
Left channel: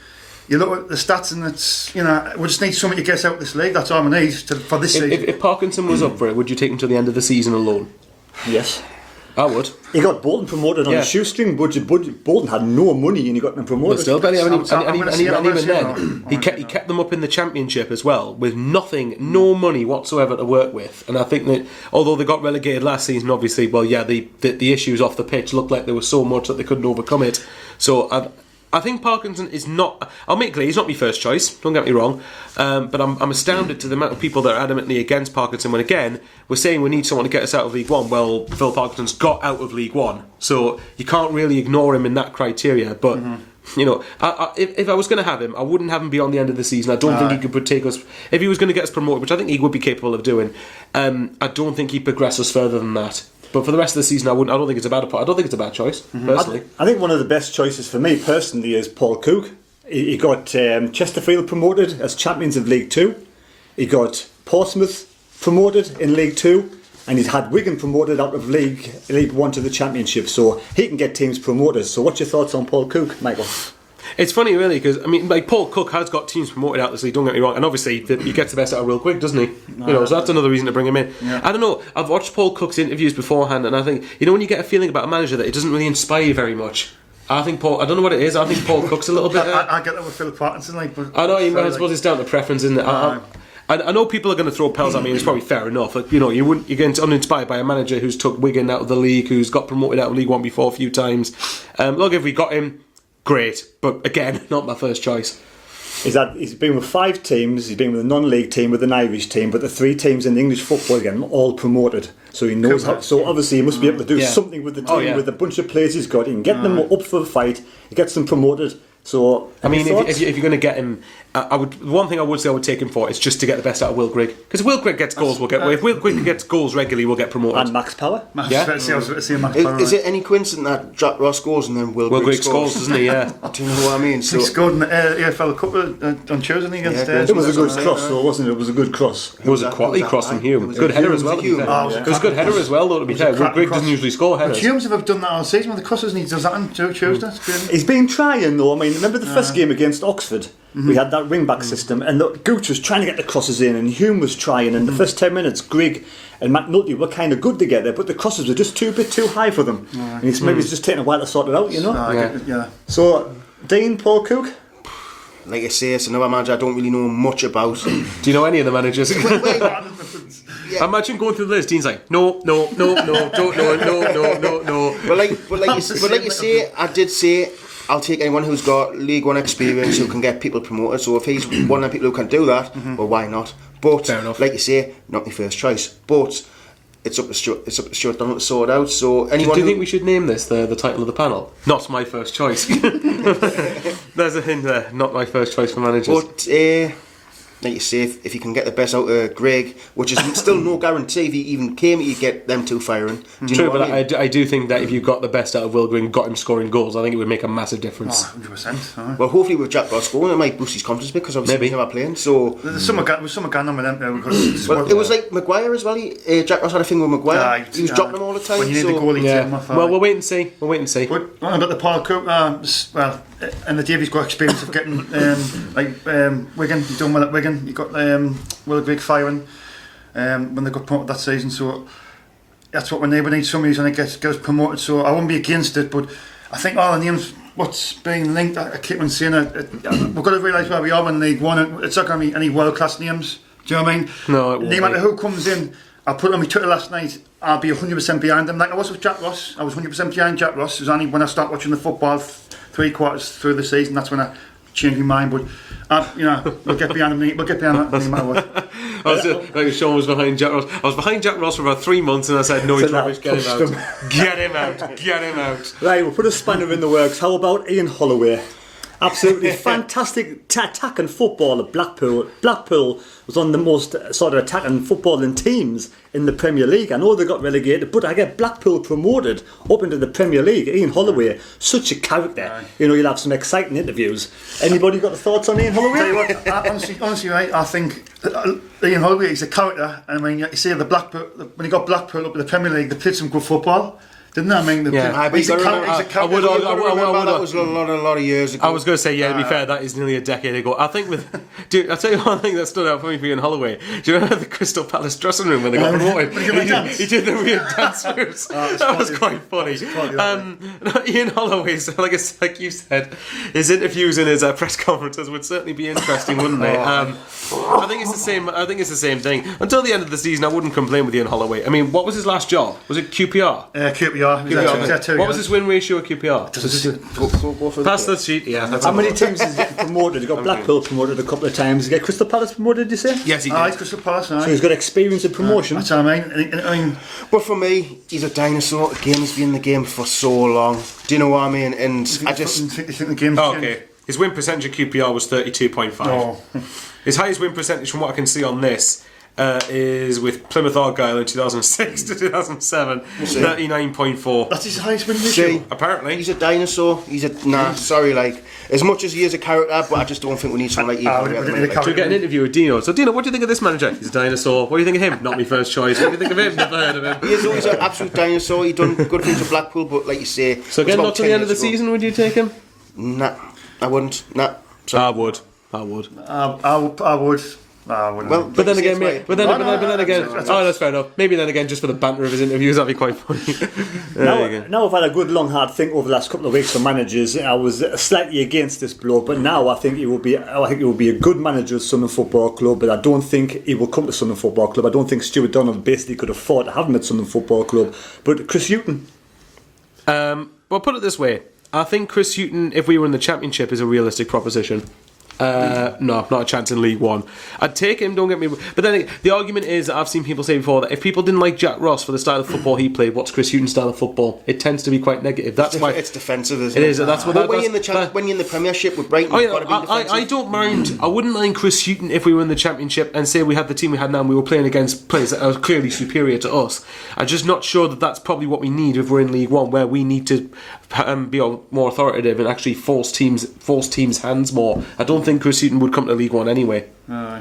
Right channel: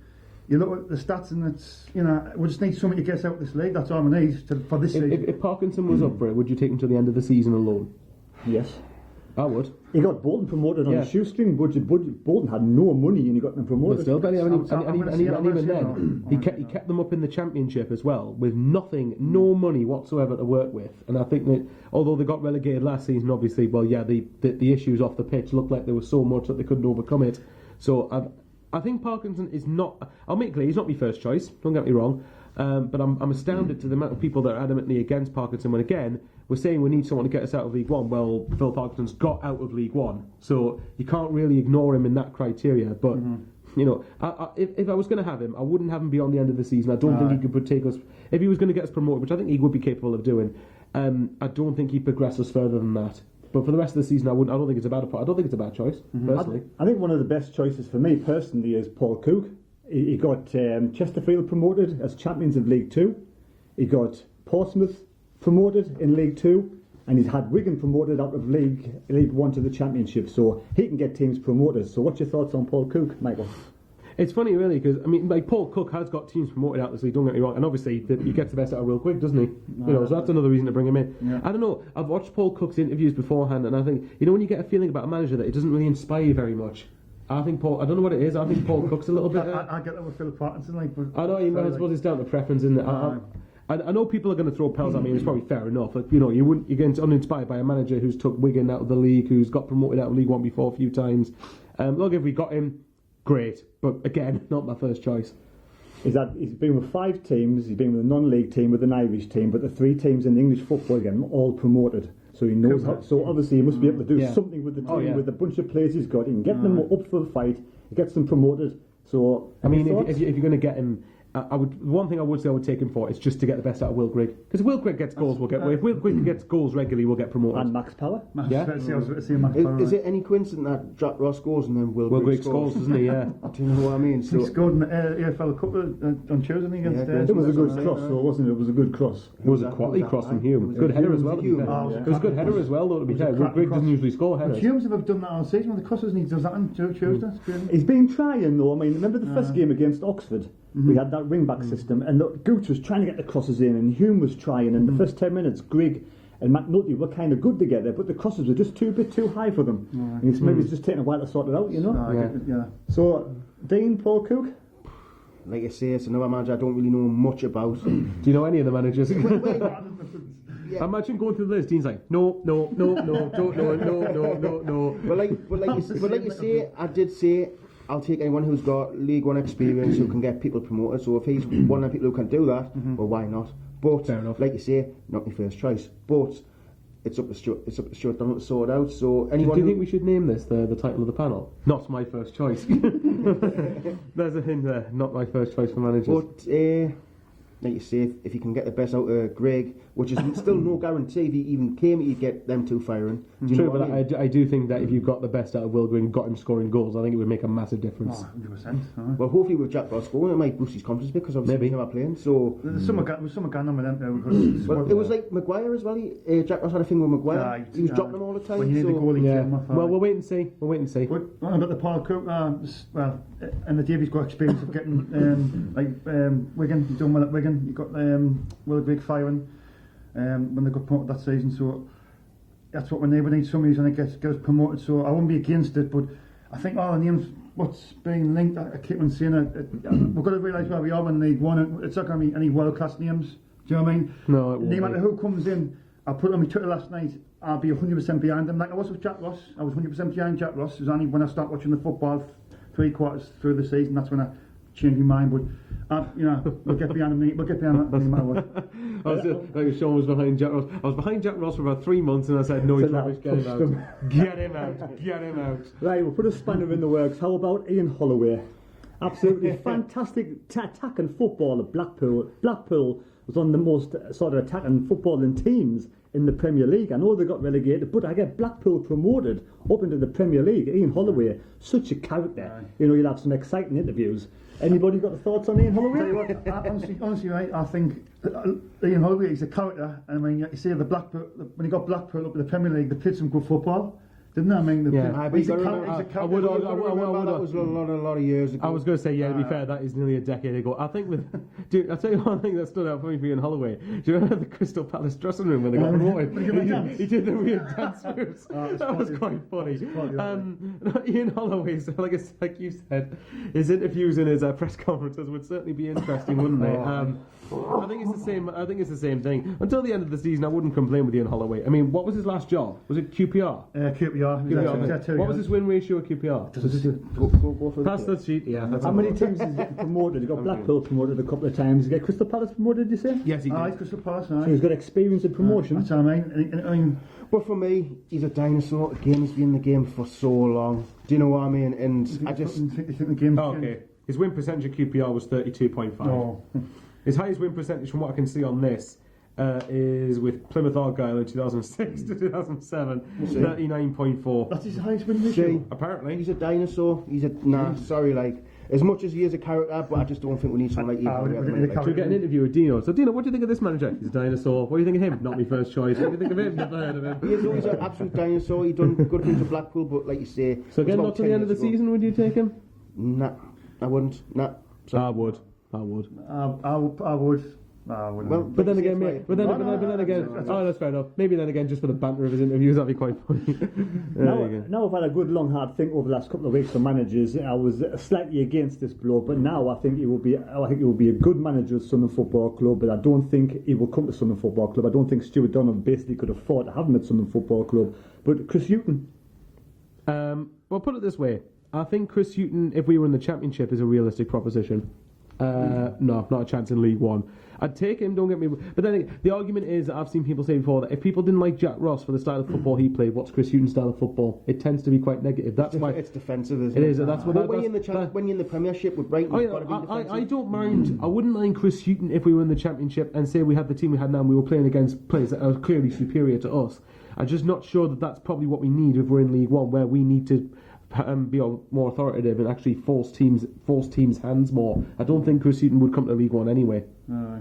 you look at the stats and it's, we just need something to get us out of this league. That's all we need for this season. If Parkinson was up for it, would you take him to the end of the season alone? Yes. I would. He got Bolton promoted on a shoestring budget. Bolton had no money and he got them promoted. But still, even then, he kept them up in the Championship as well with no money whatsoever to work with. And I think that although they got relegated last season, obviously, the issues off the pitch looked like there was so much that they couldn't overcome it. So I think Parkinson is not. I'll make it clear, he's not my first choice. Don't get me wrong, but I'm astounded to the amount of people that are adamantly against Parkinson. When again we're saying we need someone to get us out of League One. Well, Phil Parkinson's got out of League One, so you can't really ignore him in that criteria. But if I was going to have him, I wouldn't have him beyond the end of the season. I don't think he could take us. If he was going to get us promoted, which I think he would be capable of doing, I don't think he'd progress us further than that. But for the rest of the season, I don't think it's a bad choice. Personally, I think one of the best choices for me personally is Paul Cook. He got Chesterfield promoted as champions of League 2. He got Portsmouth promoted in League 2, and he's had Wigan promoted out of League 1 to the Championship. So he can get teams promoted. So what's your thoughts on Paul Cook, Michael? It's funny, really, because Paul Cook has got teams promoted out this league. Don't get me wrong, and obviously he gets the best out of real quick, doesn't he? So that's another reason to bring him in. Yeah. I don't know. I've watched Paul Cook's interviews beforehand, and I think when you get a feeling about a manager that it doesn't really inspire you very much. I don't know what it is. I think Paul Cook's a little bit. I get that with Phil Parkinson, but I know. I suppose it's down to preference, isn't it? I know people are going to throw pells at me, and it's probably fair enough. But, you're getting uninspired by a manager who's took Wigan out of the league, who's got promoted out of League One before a few times. Look, if we got him, great, but again, not my first choice. He's been with 5 teams. He's been with a non-league team, with an Irish team, but the 3 teams in the English football again, all promoted. So he knows how. So obviously he must be able to do something with the team, with the bunch of players he's got. He can get them up for the fight. He gets them promoted. So I mean, if you're going to get him, one thing I would say I would take him for is just to get the best out of Will Grigg, because if Will Grigg gets goals, if Will Grigg gets goals regularly, we'll get promoted. And Max Power. Is it any coincidence that Jack Ross scores and then Will Grigg scores, doesn't he? Yeah. Do you know what I mean? So he scored in the AFL Cup on Tuesday against. It was a good cross, though, wasn't it? It was a good cross. It was a quality cross from Hume. Good header as well. It was a good header as well, though. To be fair, Will Grigg doesn't usually score headers. Hume's have done that all season with the crosses, and he does that on Tuesday. He's been trying, though. I mean, remember the first game against Oxford? we had that wing-back system, and Gooch was trying to get the crosses in, and Hume was trying, and the first 10 minutes, Grigg and McNulty were kind of good together, but the crosses were just a bit too high for them. And maybe it's just taking a while to sort it out, you know? So, Dean, Paul Cook? Like I say, it's another manager I don't really know much about. Do you know any of the managers? Imagine going through the list. Dean's like, no, don't know, no. But like you say, I did say I'll take anyone who's got League One experience who can get people promoted. So if he's one of the people who can do that, well, why not? But Fair enough. like you say, not my first choice. But it's up to Stuart Donald to sort out. So anyone. Do you think we should name this the title of the panel? Not my first choice. There's a hint there. Not my first choice for managers. But like you say, if you can get the best out of Greg, which is still no guarantee if he even came, you get them two firing. Do you True, know what but I mean? I do think that if you got the best out of Will Green, got him scoring goals, I think it would make a massive difference. 100%. Well, hopefully with Jack Ross going, it might boost his confidence because obviously Maybe. he's never playing. So There's some going on with them there because well, it was like Maguire as well. Jack Ross had a thing with Maguire. He was dropping him all the time. When you need so the goalie, Yeah. take him off. Well, we'll wait and see. But what about the Paul Cook? And the Davies got experience of getting Wigan. He done well at Wigan. He got Will Grigg firing when they got promoted that season. So that's what we need. Somebody who's going to get us promoted. So I wouldn't be against it, but I think all the names what's being linked. I keep on saying it. We've got to realise where we are in League One. It's not going to be any world class names. Do you know what I mean? No, it won't no matter be. who comes in. I put it on my Twitter last night. I'll be 100% behind them. Like I was with Jack Ross. I was 100% behind Jack Ross. It was only when I start watching the football 3 quarters through the season that's when I changed my mind. But we'll get behind them. We'll get behind them no matter what. Like Sean was behind Jack Ross. I was behind Jack Ross for about 3 months, and I said, "No, he's rubbish. Get him out. Get him out. Get him out." Right, we'll put a spanner in the works. How about Ian Holloway? Absolutely fantastic attacking football at Blackpool. Blackpool was one of the most sort of attacking footballing teams in the Premier League. I know they got relegated, but I get Blackpool promoted up into the Premier League. Ian Holloway, such a character. You know, you'll have some exciting interviews. Anybody got the thoughts on Ian Holloway? Tell you what, honestly, right, I think Ian Holloway is a character. And I mean, you see the Blackpool when he got Blackpool up in the Premier League, they played some good football. Didn't I mean? He's a character. I would. That was a lot of years ago. I was going to say, to be fair, that is nearly a decade ago. I think I'll tell you one thing that stood out for me for Ian Holloway. Do you remember the Crystal Palace dressing room when they got promoted? He did the weird dance moves. That was quite funny. Ian Holloway's, like you said, his interviews and his press conferences would certainly be interesting, wouldn't they? I think it's the same. I think it's the same thing. Until the end of the season, I wouldn't complain with Ian Holloway. I mean, what was his last job? Was it QPR? QPR. What was his win ratio at QPR? Go for Pass that sheet. Yeah. How many teams is getting promoted? He got Blackpool promoted a couple of times. He got Crystal Palace promoted, did you say? Yes, he did. Crystal Palace. So he's got experience in promotion. That's what I mean. But for me, he's a dinosaur. Again, he's been in the game for so long. Do you know what I mean? And I just think the game's okay. His win percentage at QPR was 32.5. Oh. His highest win percentage, from what I can see on this, is with Plymouth Argyle in 2006 to 2007, 39.4. That's his highest win ratio. Apparently. He's a dinosaur. As much as he is a character, but I just don't think we need someone like him. Should we get an interview with Dino? So Dino, what do you think of this manager? He's a dinosaur. What do you think of him? Not my first choice. What do you think of him? Never heard of him. He's an absolute dinosaur. He done good things at Blackpool, but like you say, so again, not to the end of the season, would you take him? Nah, I wouldn't. Nah. I would. I would. Well, but then again, oh, that's fair enough. Maybe then again, just for the banter of his interviews, that'd be quite funny. Now I've had a good long hard think over the last couple of weeks for managers. I was slightly against this bloke, but now I think he will be a good manager at Sunderland Football Club. But I don't think he will come to Sunderland Football Club. I don't think Stuart Donald basically could afford to have him at Sunderland Football Club. But Chris Hughton. Well, put it this way: I think Chris Hughton, if we were in the Championship, is a realistic proposition. No, not a chance in League One. I'd take him, don't get me wrong. But then the argument is that I've seen people say before that if people didn't like Jack Ross for the style of football he played, what's Chris Hughton's style of football? It tends to be quite negative. That's why it's defensive, isn't it? It is. That's what. When you're in the Premiership with Brighton, you've got to be defensive. I don't mind. I wouldn't mind Chris Hughton if we were in the Championship and say we had the team we had now and we were playing against players that are clearly superior to us. I'm just not sure that that's probably what we need if we're in League One, where we need to be more authoritative and actually force teams' hands more. I don't think Chris Hughton would come to League One anyway.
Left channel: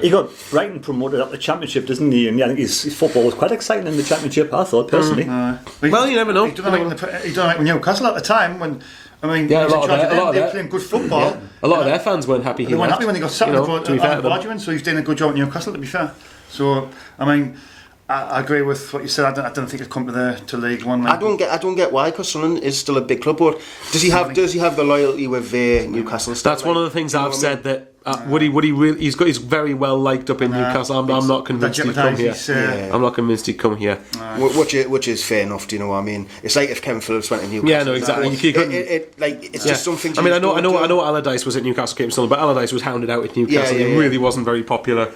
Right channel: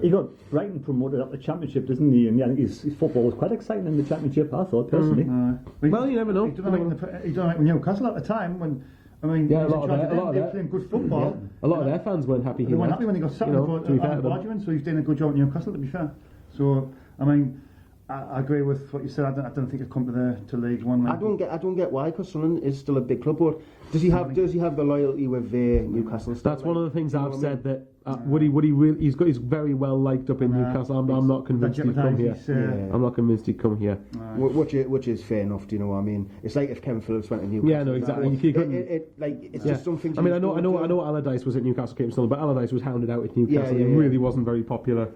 He got Brighton promoted up the Championship, doesn't he? And I think his football was quite exciting in the Championship, I thought, personally. Well, you never know. He done it with Newcastle at the time when I mean, Yeah, he's in charge of them, they're playing good football. A lot of their fans weren't happy. They weren't happy when they got sacked. To be fair to them. Arguing, so he's doing a good job at Newcastle, to be fair. So, I mean, I agree with what you said. I don't think it's come to League One. I don't get why, because Sunderland is still a big club. But does he have the loyalty with Newcastle? That's one of the things I've said that Woody really he's very well liked up in Newcastle. I'm not convinced he'd come here. I'm not convinced he'd come here. Which is fair enough. Do you know what I mean? It's like if Kevin Phillips went to Newcastle. Yeah, no, exactly. It's just something. I mean, I know Allardyce was at Newcastle, came to Sunderland, but Allardyce was hounded out at Newcastle. He really wasn't very popular.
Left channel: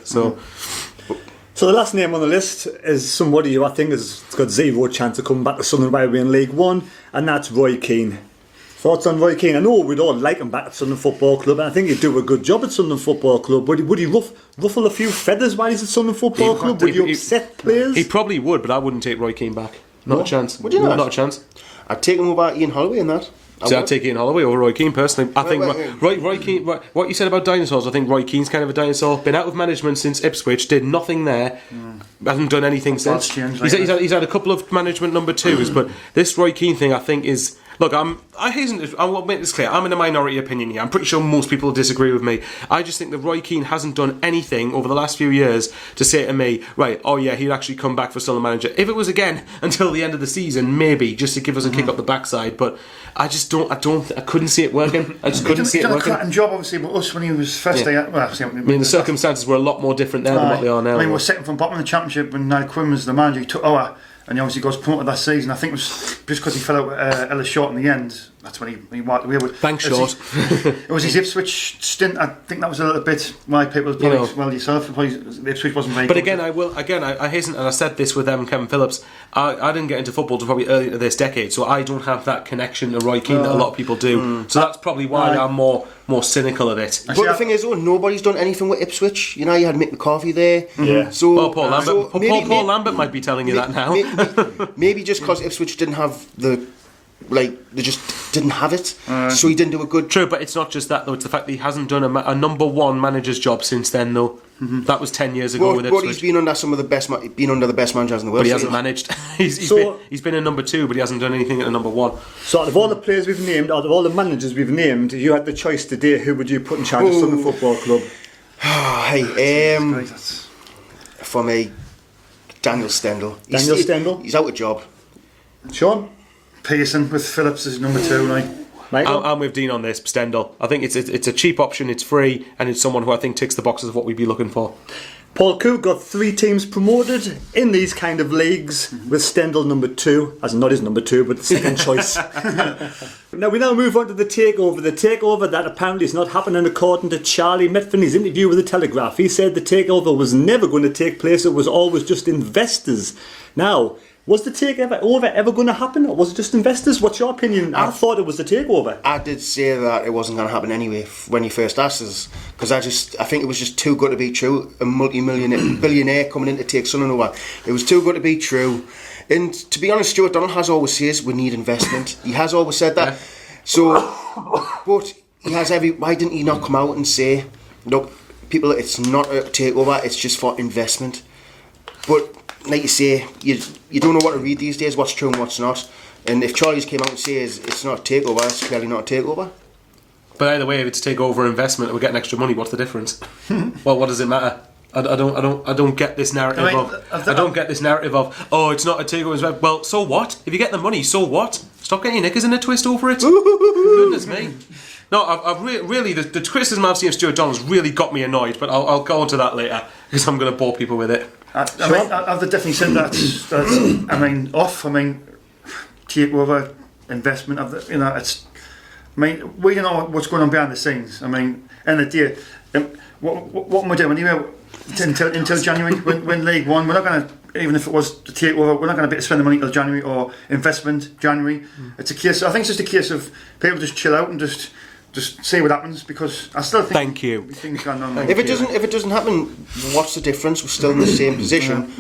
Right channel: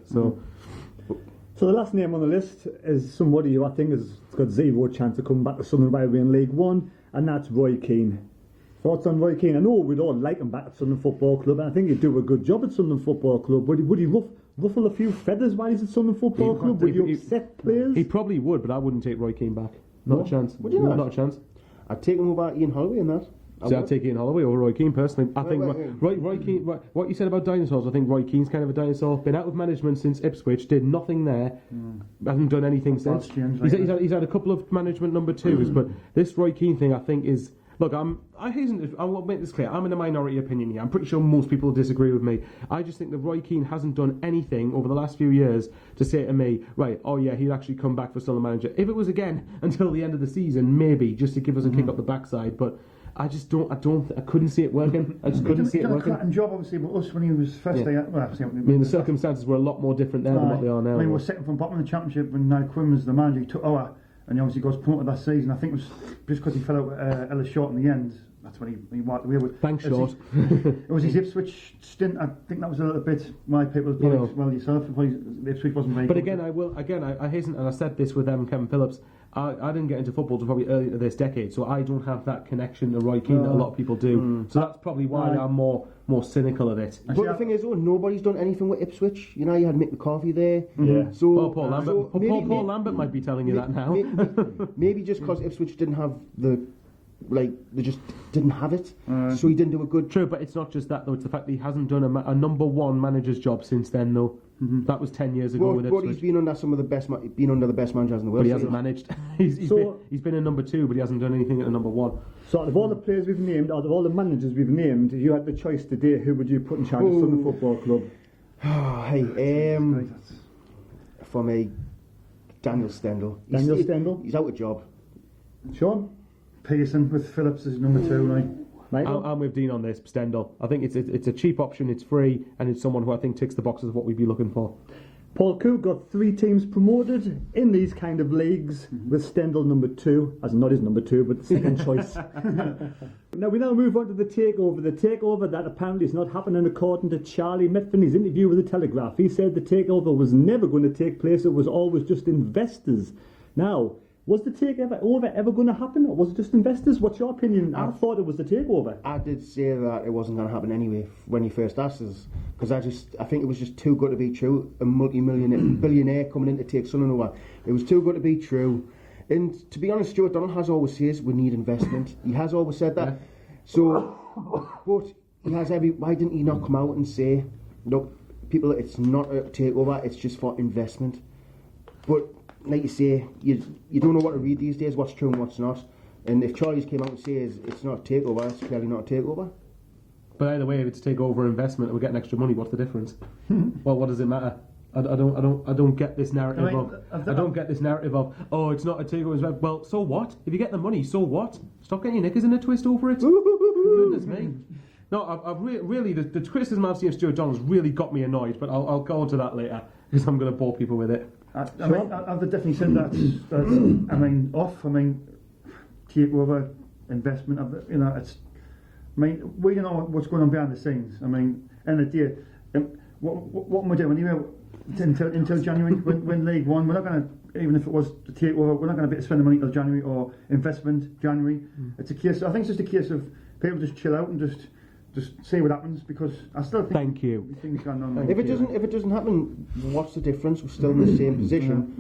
So the last name on the list is somebody who I think has got zero chance of coming back to Sunderland while we're in League One, and that's Roy Keane. Thoughts on Roy Keane? I know we'd all like him back at Sunderland Football Club, and I think he'd do a good job at Sunderland Football Club. Would he ruffle a few feathers while he's at Sunderland Football Club? Would he upset players? He probably would, but I wouldn't take Roy Keane back. Not a chance. Would you not? Not a chance. I'd take him over Ian Holloway in that. So I'd take Ian Holloway over Roy Keane personally. I think Roy Keane. What you said about dinosaurs, I think Roy Keane's kind of a dinosaur. Been out of management since Ipswich, did nothing there, hasn't done anything since. He's had a couple of management number twos, but this Roy Keane thing, I think, is. Look, I will make this clear. I'm in a minority opinion here. I'm pretty sure most people disagree with me. I just think that Roy Keane hasn't done anything over the last few years to say to me, right, oh yeah, he'd actually come back for Sunderland manager. If it was again until the end of the season, maybe, just to give us a kick up the backside, but I just I couldn't see it working. I just couldn't see it working. He's done a cracking job, obviously, but us when he was first day, I mean, the circumstances were a lot more different there than what they are now. I mean, we're second from bottom of the championship when Niall Quinn was the manager. He took over, and he obviously got promoted that season. I think it was just because he fell out with Ellis Short in the end. That's when he walked away with. Thanks, Short. It was his Ipswich stint. I think that was a little bit why people probably yourself. Probably Ipswich wasn't very. But good. I hasten, and I said this with Kevin Phillips. I didn't get into football until probably early into this decade, so I don't have that connection to Roy Keane that a lot of people do. So that's probably why I'm more cynical of it. But the thing is, nobody's done anything with Ipswich. You know, you had Mick McCarthy there. Yeah. So Paul Lambert. Paul Lambert might be telling you that now. Maybe just because Ipswich didn't have they just didn't have it, so he didn't do a good. True, but it's not just that though. It's the fact that he hasn't done a number one manager's job since then, though. That was 10 years ago with Ipswich. But he's been under the best managers in the world. But he hasn't managed. he's been a number two, but he hasn't done anything at a number one. So out of all the players we've named, out of all the managers we've named, you had the choice today. Who would you put in charge of Sunderland Football Club? For me, Daniel Stendel. Stendel? He's out of job. Sean? Pearson with Phillips as number 2, right? I'm with Dean on this, Stendel. I think it's a cheap option, it's free, and it's someone who I think ticks the boxes of what we'd be looking for. Paul Coo got 3 teams promoted in these kind of leagues, with Stendel number 2, as not his number 2, but second choice. Now we move on to the takeover. The takeover that apparently is not happening according to Charlie METHVEN. Interview with the Telegraph. He said the takeover was never going to take place. It was always just investors. Now, was the takeover ever going to happen, or was it just investors? What's your opinion? I thought it was the takeover. I did say that it wasn't going to happen anyway when you first asked us, because I think it was just too good to be true. A billionaire coming in to take Sunderland over. It was too good to be true. And to be honest, Stuart Donald has always says we need investment. He has always said that. Yeah. So, but he has why didn't he not come out and say, look, people, it's not a takeover, it's just for investment. But like you say, you don't know what to read these days, what's true and what's not. And if Charlie's came out and says it's not a takeover, it's clearly not a takeover. But either way, if it's takeover investment and we're getting extra money, what's the difference? Well, what does it matter? I don't get this narrative I don't get this narrative of it's not a takeover. Well, so what? If you get the money, so what? Stop getting your knickers in a twist over it. Goodness me. No, I've really the criticism I've seen of Stuart Donald's really got me annoyed. But I'll go on to that later because I'm going to bore people with it. I've definitely said that's off. Takeover investment. We don't know what's going on behind the scenes. End of the day, what am I doing anyway? Until January, when League One, we're not going to, even if it was to take over, we're not going to be able to spend the money until January, or investment January. It's a case. I think it's just a case of people just chill out and just see what happens, because I still think. Thank you. Things going on. If it doesn't happen, what's the difference? We're still in the same position.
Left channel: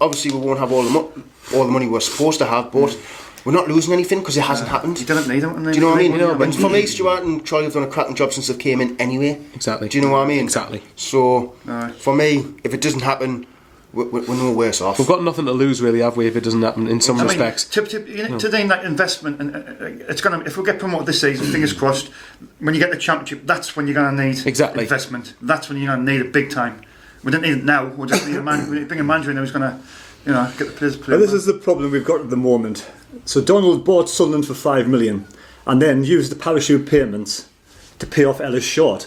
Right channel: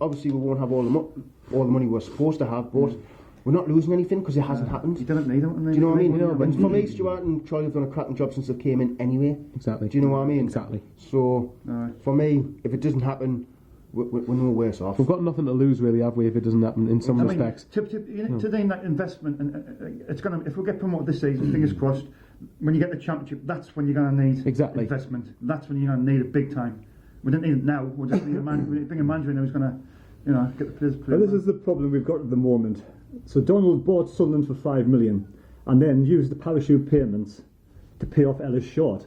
Obviously we won't have all the money we're supposed to have, but we're not losing anything because it hasn't happened. You didn't need them. Do you know what I mean? And for me, Stuart and Charlie have done a cracking job since they came in anyway. Exactly. Do you know what I mean? Exactly. So, for me, if it doesn't happen, we're no worse off. We've got nothing to lose, really, have we, if it doesn't happen in some respects? Today, that investment, and it's going to. If we get promoted this season, fingers crossed. When you get the championship, that's when you're going to need investment. That's when you're going to need it big time. We don't need it now. We just need a man. We bring a manager in who's going to, get the players playing. Well, this is the problem we've got at the moment. So Donald bought Sunderland for $5 million, and then used the parachute payments to pay off Ellis Short,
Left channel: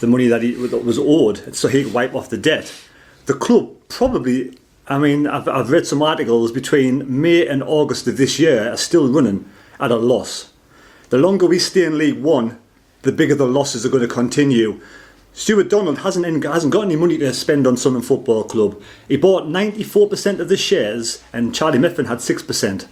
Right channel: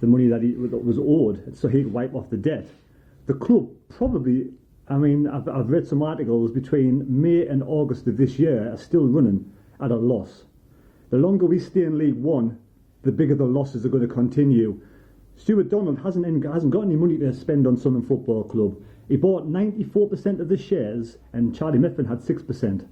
the money that was owed, so he could wipe off the debt. The club probably, I've read some articles between May and August of this year are still running at a loss. The longer we stay in League One, the bigger the losses are going to continue. Stuart Donald hasn't got any money to spend on Sunderland Football Club. He bought 94% of the shares, and Charlie METHVEN had 6%.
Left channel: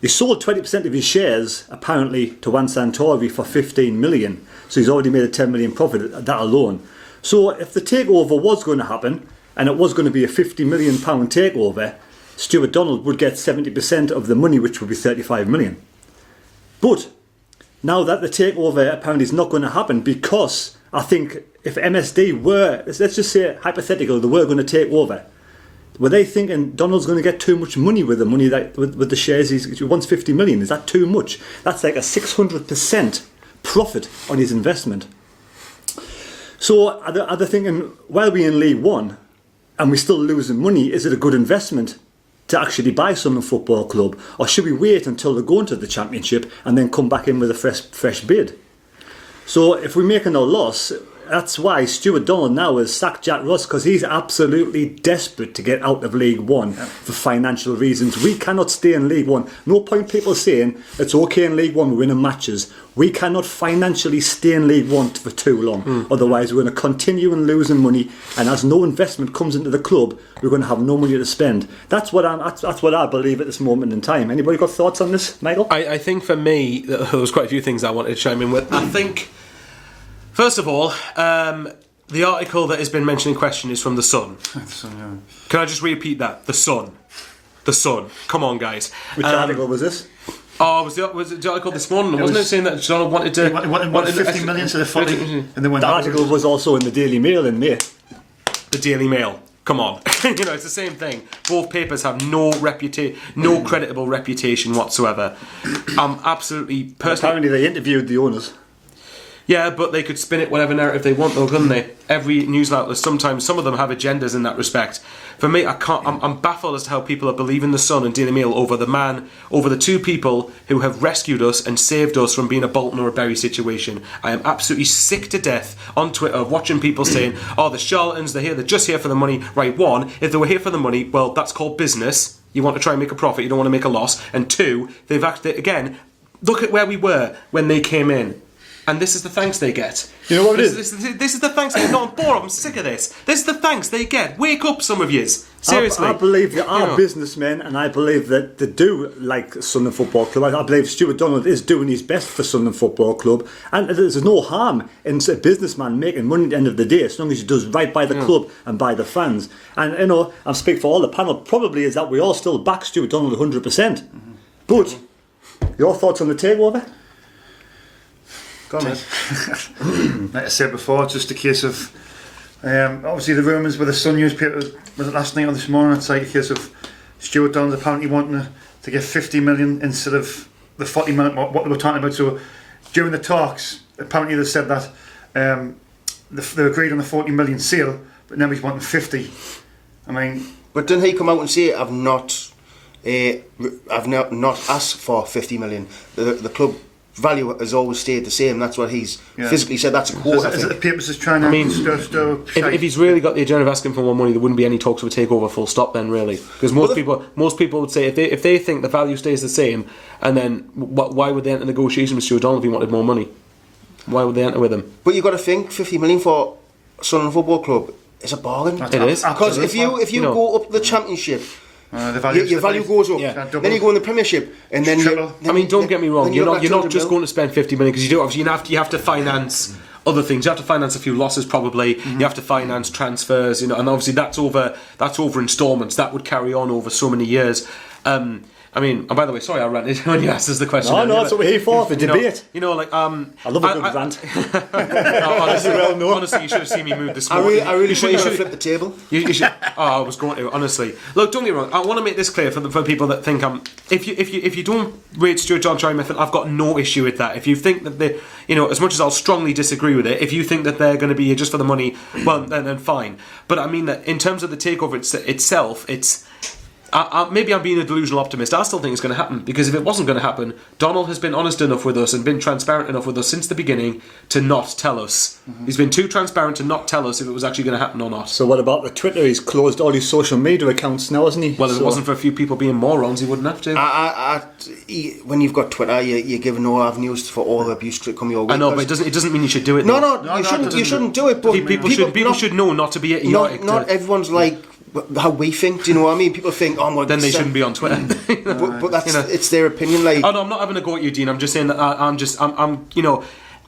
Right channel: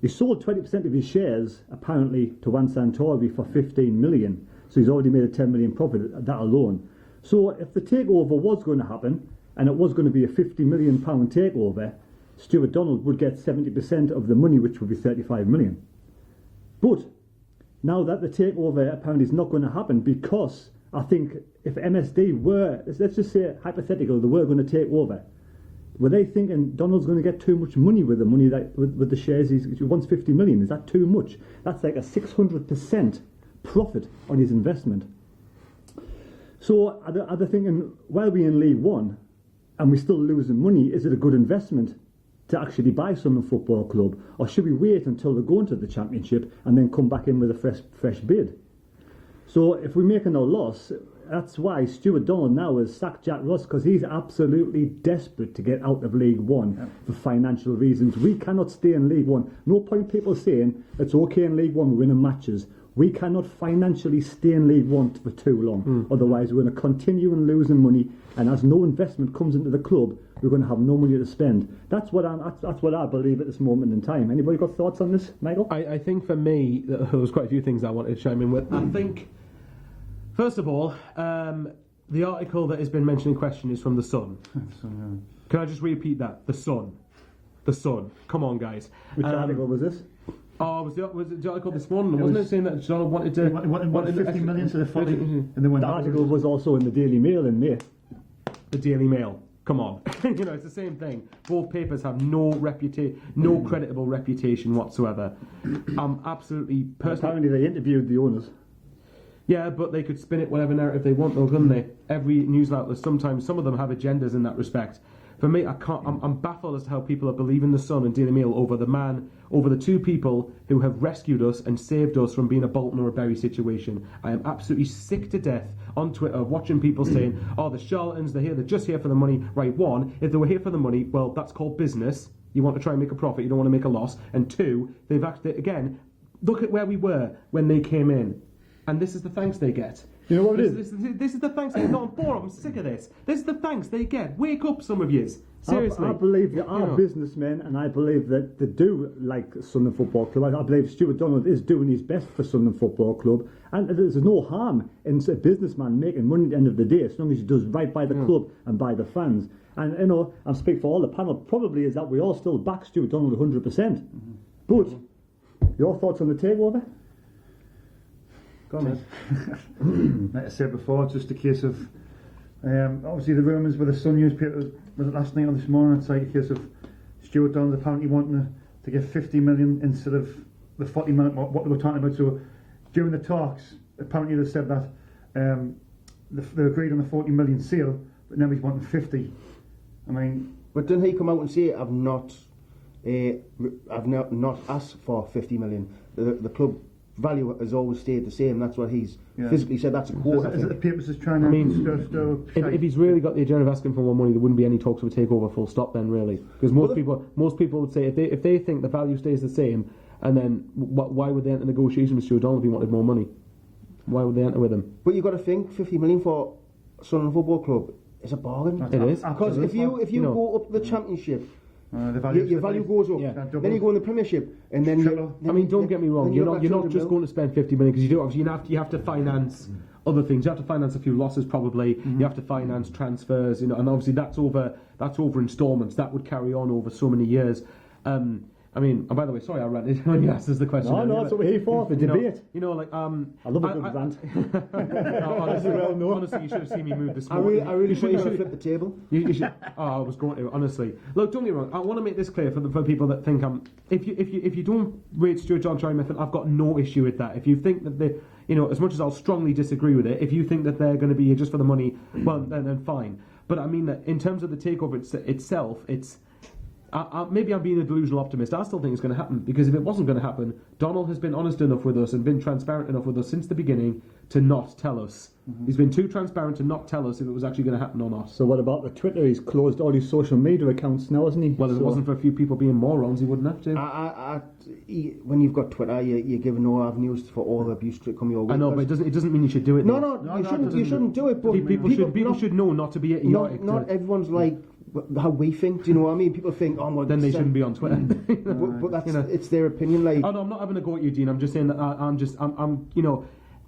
He sold 20% of his shares, apparently, to Juan Santori for 15 million. So he's already made a 10 million profit at that alone. So if the takeover was going to happen, and it was going to be a £50 million takeover, Stuart Donald would get 70% of the money, which would be 35 million. But now that the takeover apparently is not going to happen, because I think if MSD were, let's just say hypothetical, they were going to take over, were they thinking Donald's going to get too much money with the money that with the shares? He wants 50 million. Is that too much? That's like a 600% profit on his investment. So are they thinking, while we're in League One and we're still losing money, is it a good investment to actually buy Sunderland Football Club, or should we wait until they go into the Championship and then come back in with a fresh bid? So if we're making a loss, that's why Stuart Donald now has sacked Jack Ross, because he's absolutely desperate to get out of League One for financial reasons. We cannot stay in League One. No point people saying it's okay in League One, we're winning matches. We cannot financially stay in League One for too long. Otherwise, we're going to continue and losing money, and as no investment comes into the club, we're going to have no money to spend. That's what I believe at this moment in time. Anybody got thoughts on this, Michael? I think for me, there was quite a few things I wanted to chime in with. I think, first of all, the article that has been mentioned in question is from The Sun. Can I just repeat that? The Sun. The Sun. Come on, guys. Which article was this? Oh, was it the article this morning? Wasn't it saying that Donald wanted to... wanted 50 million to the 40, and they went. The article was also in the Daily Mail in May. The Daily Mail. Come on. It's the same thing. Both papers have no creditable reputation whatsoever. I'm absolutely... Apparently they interviewed the owners. Yeah, but they could spin it whatever narrative they want, though, couldn't they? Every news outlet, sometimes some of them have agendas in that respect. For me, I'm baffled as to how people are believing The Sun and Daily Mail over the two people who have rescued us and saved us from being a Bolton or a Bury situation. I am absolutely sick to death on Twitter of watching people saying, "Oh, the charlatans, they're just here for the money." Right, one, if they were here for the money, well, that's called business. You want to try and make a profit, you don't want to make a loss. And two, they've actually, again, look at where we were when they came in. And this is the thanks they get. You know what it is? This is the thanks they get. No, I'm bored. I'm sick of this. This is the thanks they get. Wake up, some of yous. Seriously. I believe there are businessmen, and I believe that they do like Sunderland Football Club. I believe Stuart Donald is doing his best for Sunderland Football Club. And there's no harm in a businessman making money at the end of the day, as long as he does right by the club and by the fans. And, I'm speaking for all the panel, probably is that we all still back Stuart Donald 100%. But, your thoughts on the takeover? Go on, like I said before, it's just a case of obviously the rumours with the Sun newspaper, was it last night or this morning? It's like a case of Stuart Donald apparently wanting to get 50 million instead of the 40 million what they were talking about. So during the talks, apparently they said that they agreed on the 40 million sale, but now he's wanting 50. But didn't he come out and say, I've not asked for 50 million? The club value has always stayed the same. That's what he's physically said. That's a quote. Is it the papers just trying to if he's really got the agenda of asking for more money, there wouldn't be any talks of a takeover full stop then, really, because most people would say if they think the value stays the same, and then why would they enter negotiation with Stuart Donald if he wanted more money? Why would they enter with him? But you've got to think 50 million for Sunderland Football Club is a bargain. It is, because if you go up the Championship, your value goes up. Yeah. Then you go in the Premiership, and then don't get me wrong. You're not just going to spend 50 million, because you do. Obviously, you have to finance other things. You have to finance a few losses, probably. You have to finance transfers, and obviously that's over instalments. That would carry on over so many years. I mean, and by the way, sorry I ranted when you asked us the question. No, earlier, that's what we're here for, the debate. Like I love a good rant. Honestly, you should have seen me move this morning. I really should have flipped the table. You should. Oh, I was going to. Honestly, look, don't get me wrong. I want to make this clear for people that think if you don't rate Stuart John Charlie Methven, I've got no issue with that. If you think that they, as much as I'll strongly disagree with it, if you think that they're going to be here just for the money, well, then fine. But I mean that in terms of the takeover itself, it's. Maybe I'm being a delusional optimist. I still think it's going to happen, because if it wasn't going to happen, Donald has been honest enough with us and been transparent enough with us since the beginning to not tell us. He's been too transparent to not tell us if it was actually going to happen or not. So what about the Twitter? He's closed all his social media accounts now, hasn't he? Well, if it wasn't for a few people being morons, he wouldn't have to. When you've got Twitter, you're given no avenues for all the abuse to come your way. I know, but it doesn't mean you should do it. No, you shouldn't do it. But people should know not to be idiotic. Not everyone's like how we think. Do you know what I mean? People think, oh, well, then they shouldn't be on Twitter. but that's it's their opinion. Like, oh no, I'm not having a go at you, Dean. I'm just saying that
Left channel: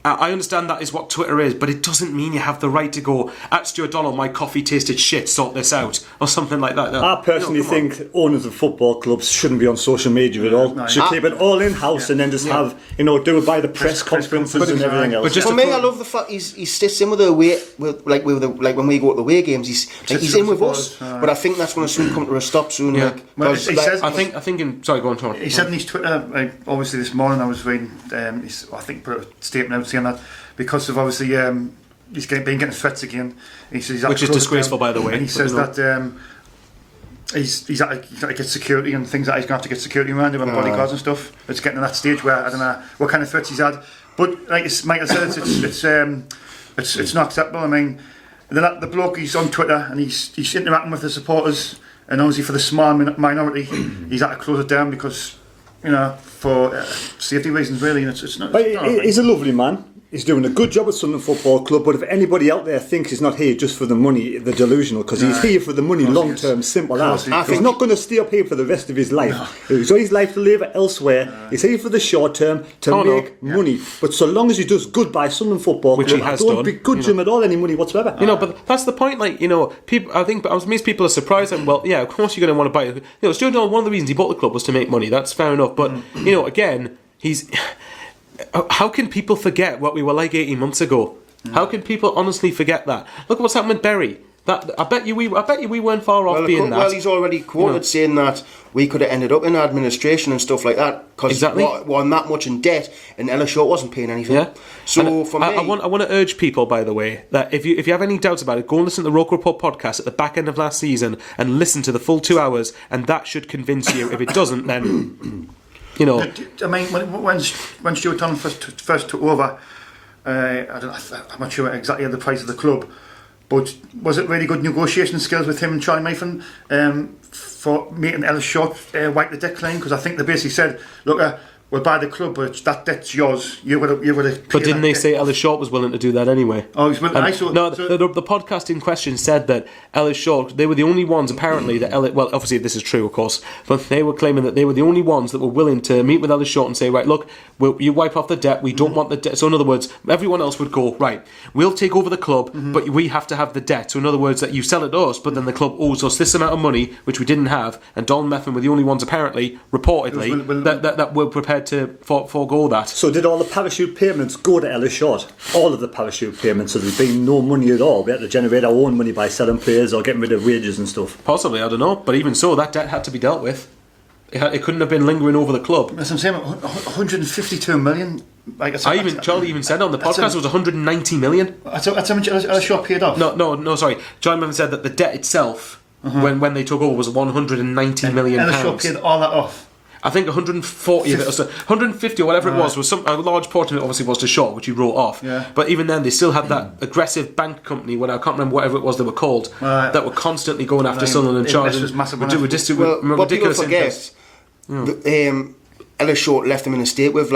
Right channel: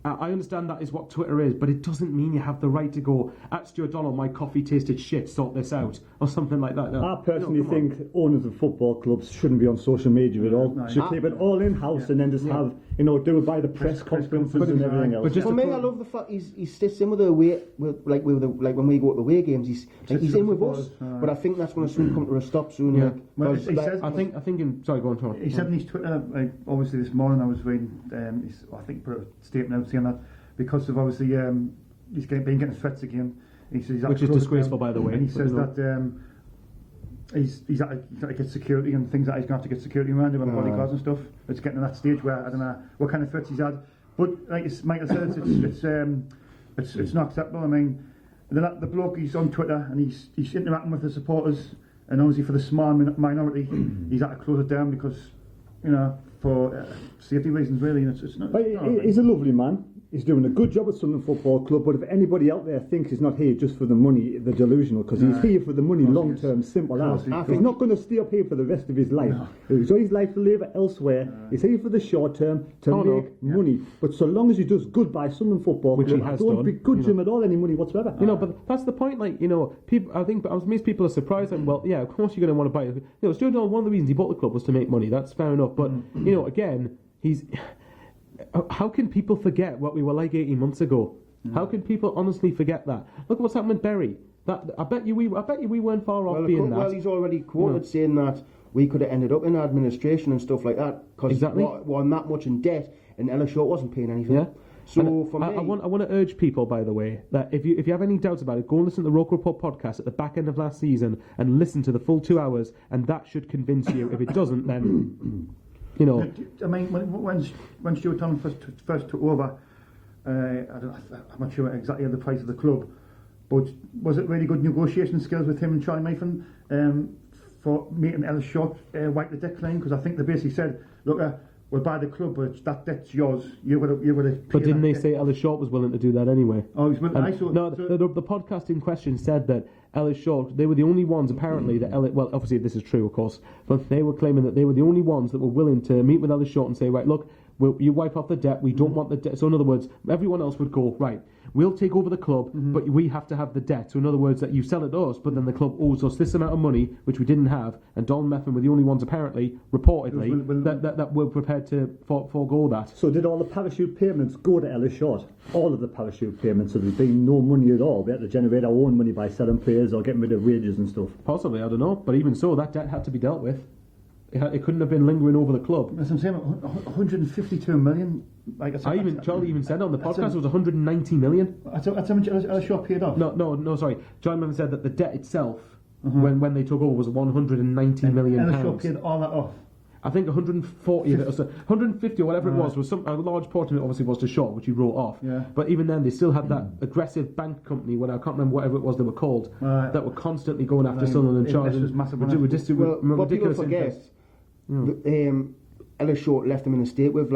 I understand that is what Twitter is, but it doesn't mean you have the right to go at Stuart Donald, my coffee tasted shit, sort this out, or something like that. No, I personally think owners of football clubs shouldn't be on social media at all. Should keep it all in house and then just have do it by the press conferences and everything else. But just for me, I love the fact he sits in with the away, like when we go to the away games, he's in with us. But I think that's going to soon come to a stop soon. Yeah. Like, I think. Sorry, go on, Tom. He said in his Twitter, obviously this morning I was reading, I think put a statement out saying that because of obviously he's been getting threats again. He says which is disgraceful, by the way. And he says that he's had to get security and things, that he's going to have to get security around him and bodyguards and stuff. It's getting to that stage where I don't know what kind of threats he's had. But like Michael said, it's not acceptable. I mean, the bloke, he's on Twitter and he's interacting with the supporters, and obviously for the small minority, he's had to close it down because for safety reasons, really. And it's not. He's a lovely man. He's doing a good job at Sunderland Football Club, but if anybody out there thinks he's not here just for the money, they're delusional, because he's here for the money long term, simple as. He's not going to stay up here for the rest of his life. He's got his life to live elsewhere. He's here for the short term to make money. But so long as he does good by Sunderland Football Club, I don't begrudge him at all any money whatsoever. But that's the point. People. I think most people are surprised. And well, yeah, of course you're going to want to buy it. Stuart Donald, one of the reasons he bought the club was to make money. That's fair enough. But again, he's. How can people forget what we were like 18 months ago? How can people honestly forget that? Look at what's happened with Berry. I bet you we weren't far off being that. Well, he's already quoted saying that we could have ended up in administration and stuff like that because we're that much in debt, and Ellis Short wasn't paying anything. Yeah. So for me, I want to urge people, by the way, that if you have any doubts about it, go and listen to the Roke Report podcast at the back end of last season and listen to the full 2 hours, and that should convince you. If it doesn't, then. I mean, when Stuart Donald first took over, I'm not sure exactly the price of the club, but was it really good negotiation skills with him and Charlie Methven for making Ellis Short wipe the debt claim? Because I think they basically said, look, we'll buy the club, but that debt's yours. You would have. But didn't they say Ellis Short was willing to do that anyway? Oh, he's willing. The podcast in question said that Ellis Short, they were the only ones apparently that well, obviously this is true, of course, but they were claiming that they were the only ones that were willing to meet with Ellis Short and say, right, look, you wipe off the debt. We don't want the debt. So in other words, everyone else would go, right, we'll take over the club, but we have to have the debt. So in other words, that you sell it to us, but then the club owes us this amount of money, which we didn't have. And Donald Methven were the only ones apparently, reportedly, that were prepared to forego that. So did all the parachute payments go to Ellis Short? All of the parachute payments, so there's been no money at all. We had to generate our own money by selling players or getting rid of wages and stuff. Possibly, I don't know. But even so, that debt had to be dealt with. It couldn't have been lingering over the club. As I'm saying, 152 million. Charlie even said on the podcast it was 190 million. That's how much Ellis Short paid off. No, sorry. Charlie Methven said that the debt itself, when they took over, was 190 million pounds. Ellis Short paid all that off. I think 140 of it, or so, 150 or whatever it was a large portion of it obviously was to Short, which he wrote off. Yeah. But even then, they still had that aggressive bank company, I can't remember whatever it was they were called, that were constantly going after Sunderland and charging what people forget, Ellis Short left them in a state with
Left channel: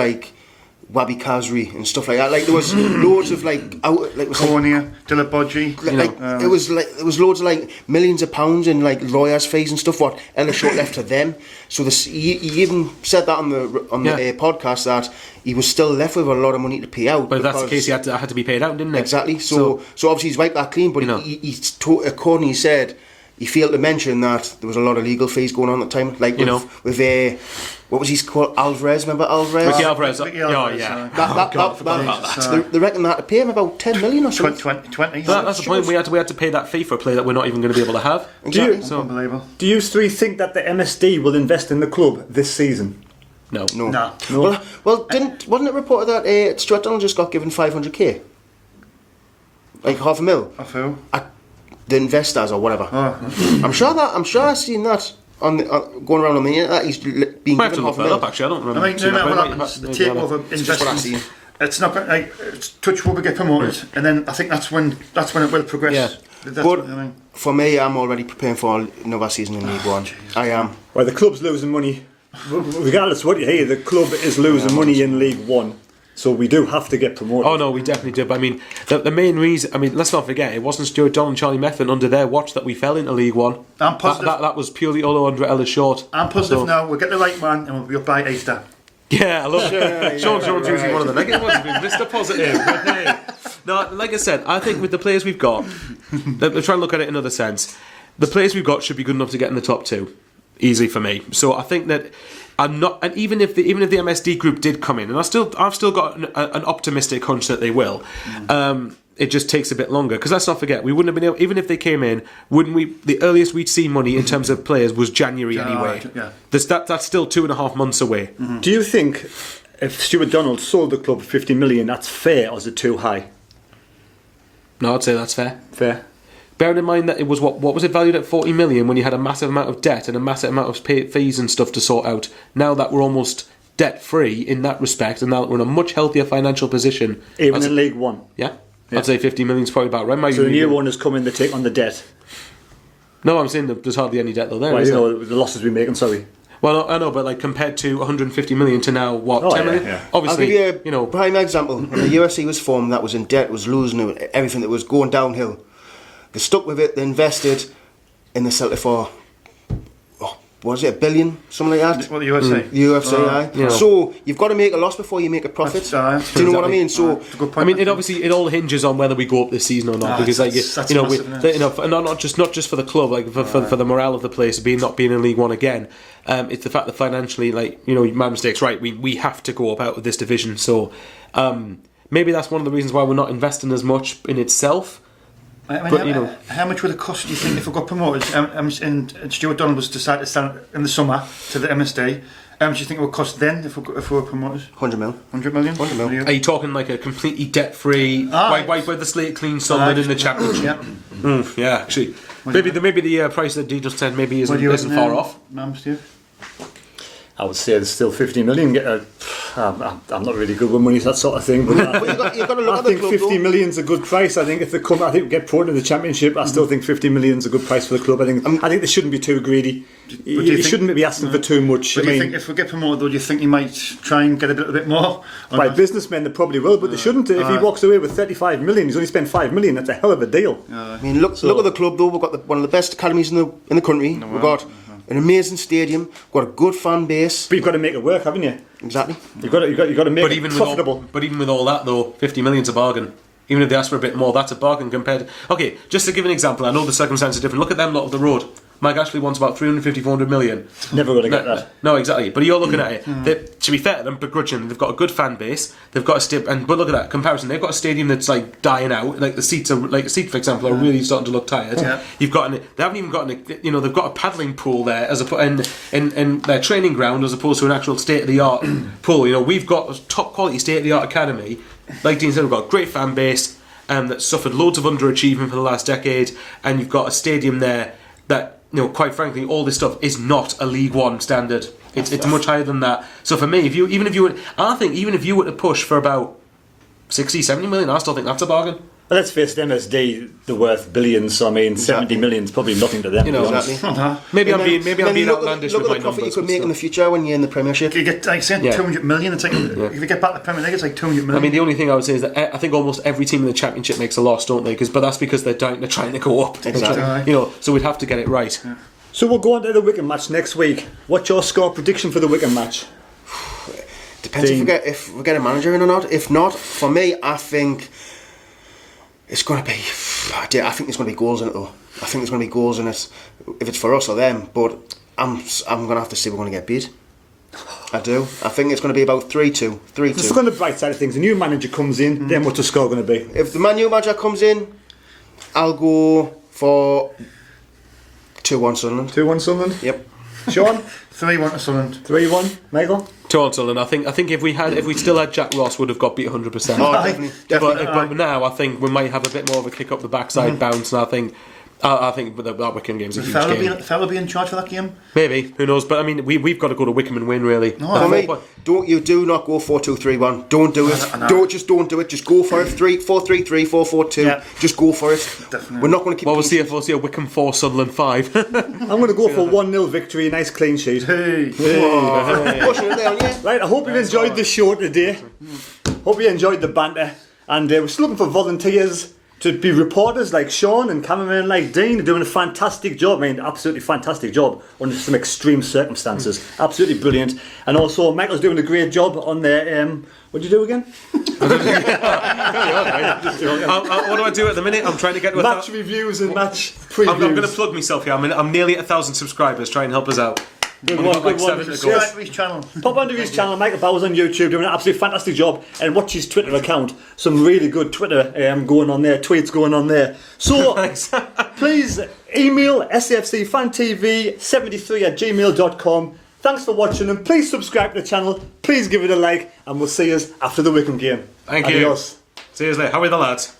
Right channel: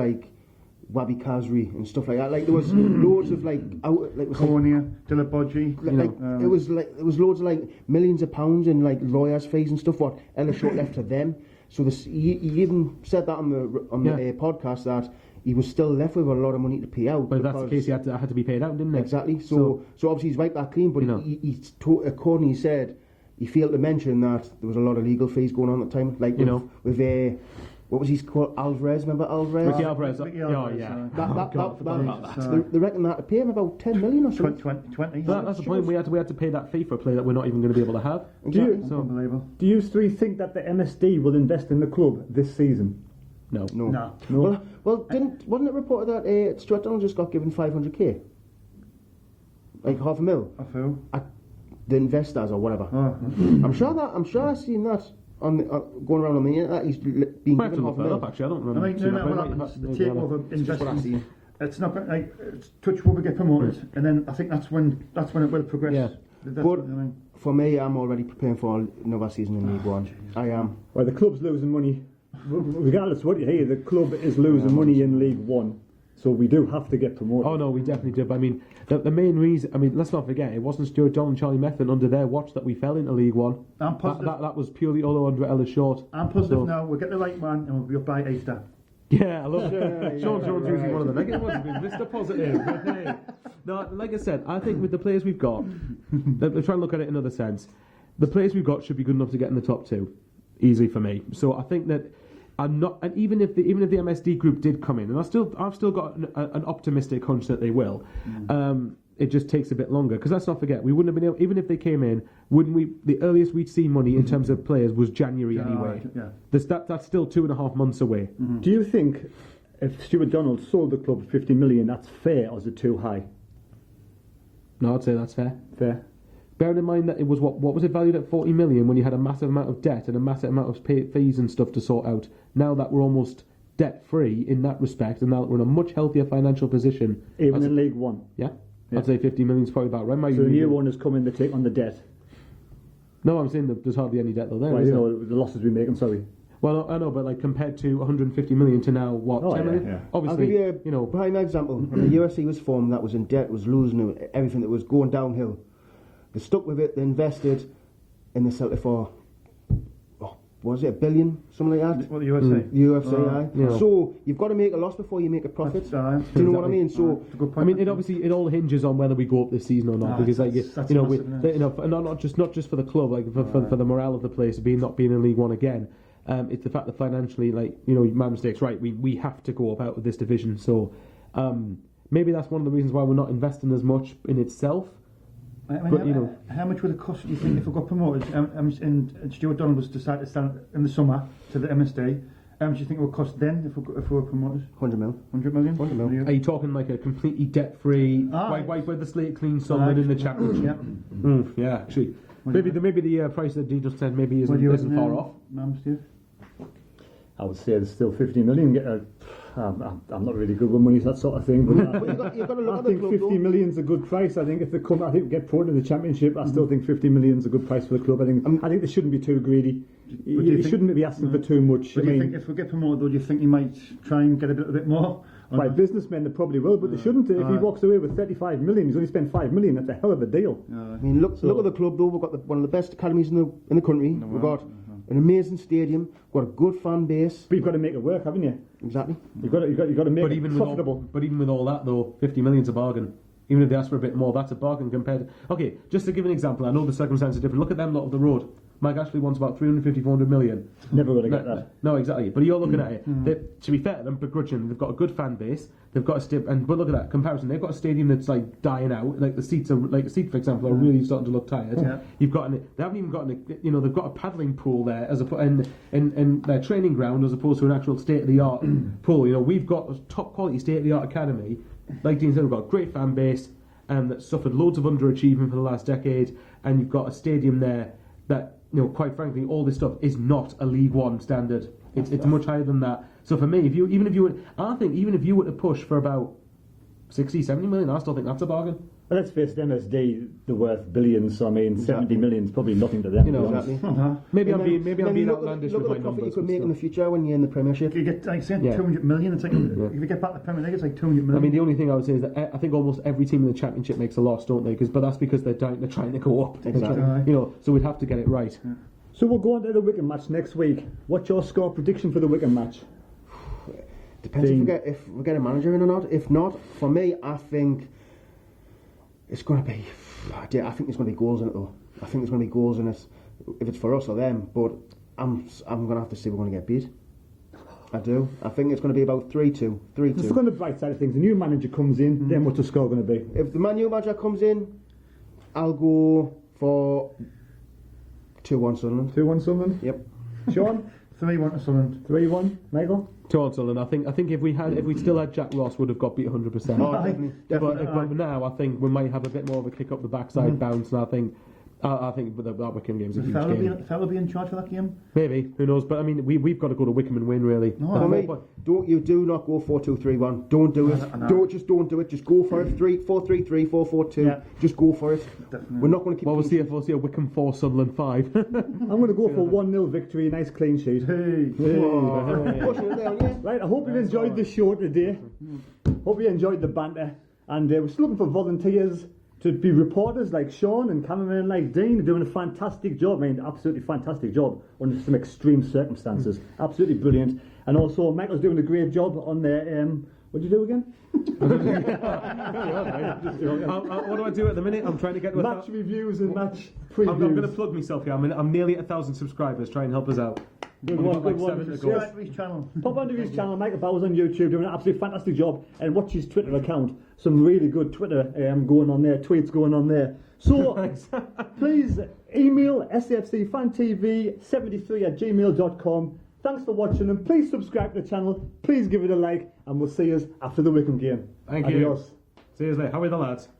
Wabi Kazri and stuff like that. There was loads of Cornea, Dillabodji. It was loads of millions of pounds in lawyers' fees and stuff. What Ellis Short left to them. So he even said that on the podcast that he was still left with a lot of money to pay out. But if that's the case, he had to be paid out, didn't he? Exactly. So obviously he's wiped that clean. But he accordingly said he failed to mention that there was a lot of legal fees going on at the time. Like, with what was he called? Alvarez, remember Alvarez? Ricky Alvarez. Ricky Oh, Alvarez, yeah. They reckon they had to pay him about 10 million or something. 20. That's the point. We had to pay that fee for a player that we're not even going to be able to have. Exactly. Unbelievable. Do you three think that the MSD will invest in the club this season? No. No. Well, wasn't it reported that Stuart Donald just got given 500k? Like half a mil? Of who? The investors or whatever. Oh. I'm sure I've seen that on going around on the internet. That he's being I have to given look half a that mil. up, actually. I don't remember. I mean, no matter what happens, the takeover Just what I've investment. seen. It's not going like touch wood, we get promoted, and then I think that's when it will progress. Yeah. That's But what I mean. for me, I'm already preparing for another season in League One. I am. Well, the club's losing money. Regardless of what you hear, the club is losing money in League One. So we do have to get promoted. Oh no, we definitely do. But I mean, the main reason. I mean, let's not forget, it wasn't Stuart Donald and Charlie METHVEN under their watch that we fell into League One. I'm positive. That was purely Olo under Ellis Short. I'm positive So- now. We'll get the right man, and we'll be up by Easter. Yeah, I love it. Sean Jones usually one of the negative ones. Mr. Positive. But hey, no, like I said, I think with the players we've got, I'm trying to look at it in another sense. The players we've got should be good enough to get in the top two, easily for me. So I think that. I'm not, and even if the MSD group did come in, and I've still got an optimistic hunch that they will. It just takes a bit longer because let's not forget we wouldn't have been able, even if they came in, wouldn't we? The earliest we'd see money in terms of players was January anyway. Yeah. That's still 2.5 months away. Do you think if Stuart Donald sold the club for 50 million, that's fair or is it too high? No, I'd say that's fair. Fair. Bearing in mind that it was what was it valued at 40 million when you had a massive amount of debt and a massive amount of fees and stuff to sort out. Now that we're almost debt free in that respect, and now that we're in a much healthier financial position, Even in League One. yeah, I'd say 50 million is probably about right. So the new owners come in, they take on the debt. No, I'm saying that there's hardly any debt though. There, Well, is you there? know, the losses we're making, sorry. Well, I know, but like compared to 150 million to now, what? Oh, 10 yeah, million? yeah. I'll Obviously, give you a know, prime example. When the UFC was formed, that was in debt, was losing everything, that was going downhill. They stuck with it, they invested in the Celtic for, what was it, $1 billion? Something like that? What the USA? The UFC, aye. Yeah. So you've got to make a loss before you make a profit. Do you know what I mean? So That's a good I point. mean, it all hinges on whether we go up this season or not, because like that's you know, massive, isn't it? you know, and not just for the club, like for the morale of the place, not being in League One again. It's the fact that financially, like you know, my mistake's right. We have to go up out of this division. So maybe that's one of the reasons why we're not investing as much in itself. I mean, But, you know, how much would it cost, do you think, if we got promoted and Stuart Donald was decided to stand in the summer to the MSD? How much do you think it would cost then if we were promoted? 100 mil. 100 million? 100 mil. Are you talking like a completely debt-free, wipe the slate clean Sunderland in the Championship? Yeah. Yeah, actually, maybe the price that Dee just said maybe What do you isn't reckon, far off. Steve? I would say there's still 50 million. I'm not really good with money, that sort of thing. But You've got to look I at the think club, 50 though. million's a good price. I think if they come, I think we get promoted to the Championship. I still think 50 million's a good price for the club. I think they shouldn't be too greedy. You shouldn't be asking for too much. But I do you mean, think if we get promoted, though, do you think you might try and get a little bit more? Or by not? businessmen, they probably will, but they shouldn't. If he walks away with 35 million, he's only spent 5 million. That's a hell of a deal. I mean, look at the club though. We've got one of the best academies in the country. We've got an amazing stadium. We've got a good fan base. But you've got to make it work, haven't you? Exactly. You've got to make it profitable. But even with all that though, 50 million's a bargain. Even if they ask for a bit more, that's a bargain compared to... Okay, just to give an example, I know the circumstances are different. Look at them lot of the road. Mike Ashley wants about 350, 400 million. Never going to get that. No, exactly. But you're looking at it. To be fair to them, begrudgingly, they've got a good fan base. They've got a but look at that comparison. They've got a stadium that's like dying out. Like the seats are, like a seat for example, are really starting to look tired. Yeah. You've got they haven't even got they've got a paddling pool there as in their training ground as opposed to an actual state of the art pool. You know, we've got a top quality state of the art academy. Like Dean said, we've got a great fan base. That suffered loads of underachievement for the last decade, and you've got a stadium there that, you know, quite frankly, all this stuff is not a League One standard. It's much higher than that. So for me, even if you were to push for about 60, 70 million, I still think that's a bargain. Well, let's face it, MSD, they're worth billions, so I mean, 70 million's probably nothing to them. You know, to be honest. Exactly. Maybe And I'm then being look outlandish at with my the profit numbers. you could but make in the still. future when you're in the Premiership. You get, like I said, Yeah. 200 million. It's like, if you get back to the Premier League, it's like 200 million. I mean, the only thing I would say is that I think almost every team in the Championship makes a loss, don't they? But that's because they're trying to go up. Exactly. You know, so we'd have to get it right. Yeah. So we'll go on to the Wigan match next week. What's your score prediction for the Wigan match? Depends if we get a manager in or not. If not, for me, I think it's going to be I think there's going to be goals in it though. I think there's going to be goals in it if it's for us or them. But I'm going to have to say we're going to get beat. I do. I think it's going to be about 3-2. 3-2. Just on the bright side of things, a new manager comes in, then what's the score going to be? If the new manager comes in, I'll go for 2-1 Sunderland. 2-1 Sunderland? Yep. Sean? 3-1 to Sunderland. 3-1. Michael? 2-1 Sunderland. I think if we still had Jack Ross, would have got beat 100%. Oh, definitely. But now I think we might have a bit more of a kick up the backside bounce, and I think that Wycombe game's a huge game. Fella be in charge for that game? Maybe, who knows? But I mean, we've got to go to Wycombe and win, really. For me, do not go 4-2-3-1. Don't do it. Don't do it. Just go for it. 4-3-3, 4-4-2. Yeah. Just go for it. Definitely. We're not going to keep. Well, we'll see a Wycombe 4, Sunderland 5. I'm going to go for 1-0 victory, nice clean sheet. Hey. Pushing it down, yeah. Right, I hope you've enjoyed the show today. Hope you enjoyed the banter. And we're still looking for volunteers to be reporters like Sean and cameramen like Dean. They're doing a fantastic job. I mean, absolutely fantastic job under some extreme circumstances. Absolutely brilliant. And also, Michael's doing a great job on their... what do you do again? What do I do at the minute? I'm trying to get... Match reviews and match previews. I'm going to plug myself here. I'm nearly at 1,000 subscribers. Try and help us out. Good We've one, got like good one. 7 to go. Subscribe to his channel. Pop onto his channel, Michael Bowers on YouTube, doing an absolutely fantastic job, and watch his Twitter account. Some really good Twitter going on there, tweets going on there. So please email SAFC Fan TV 73@gmail.com. Thanks for watching, and please subscribe to the channel. Please give it a like, and we'll see us after the Wycombe game. Thank Adios. you. See you later. How are the lads?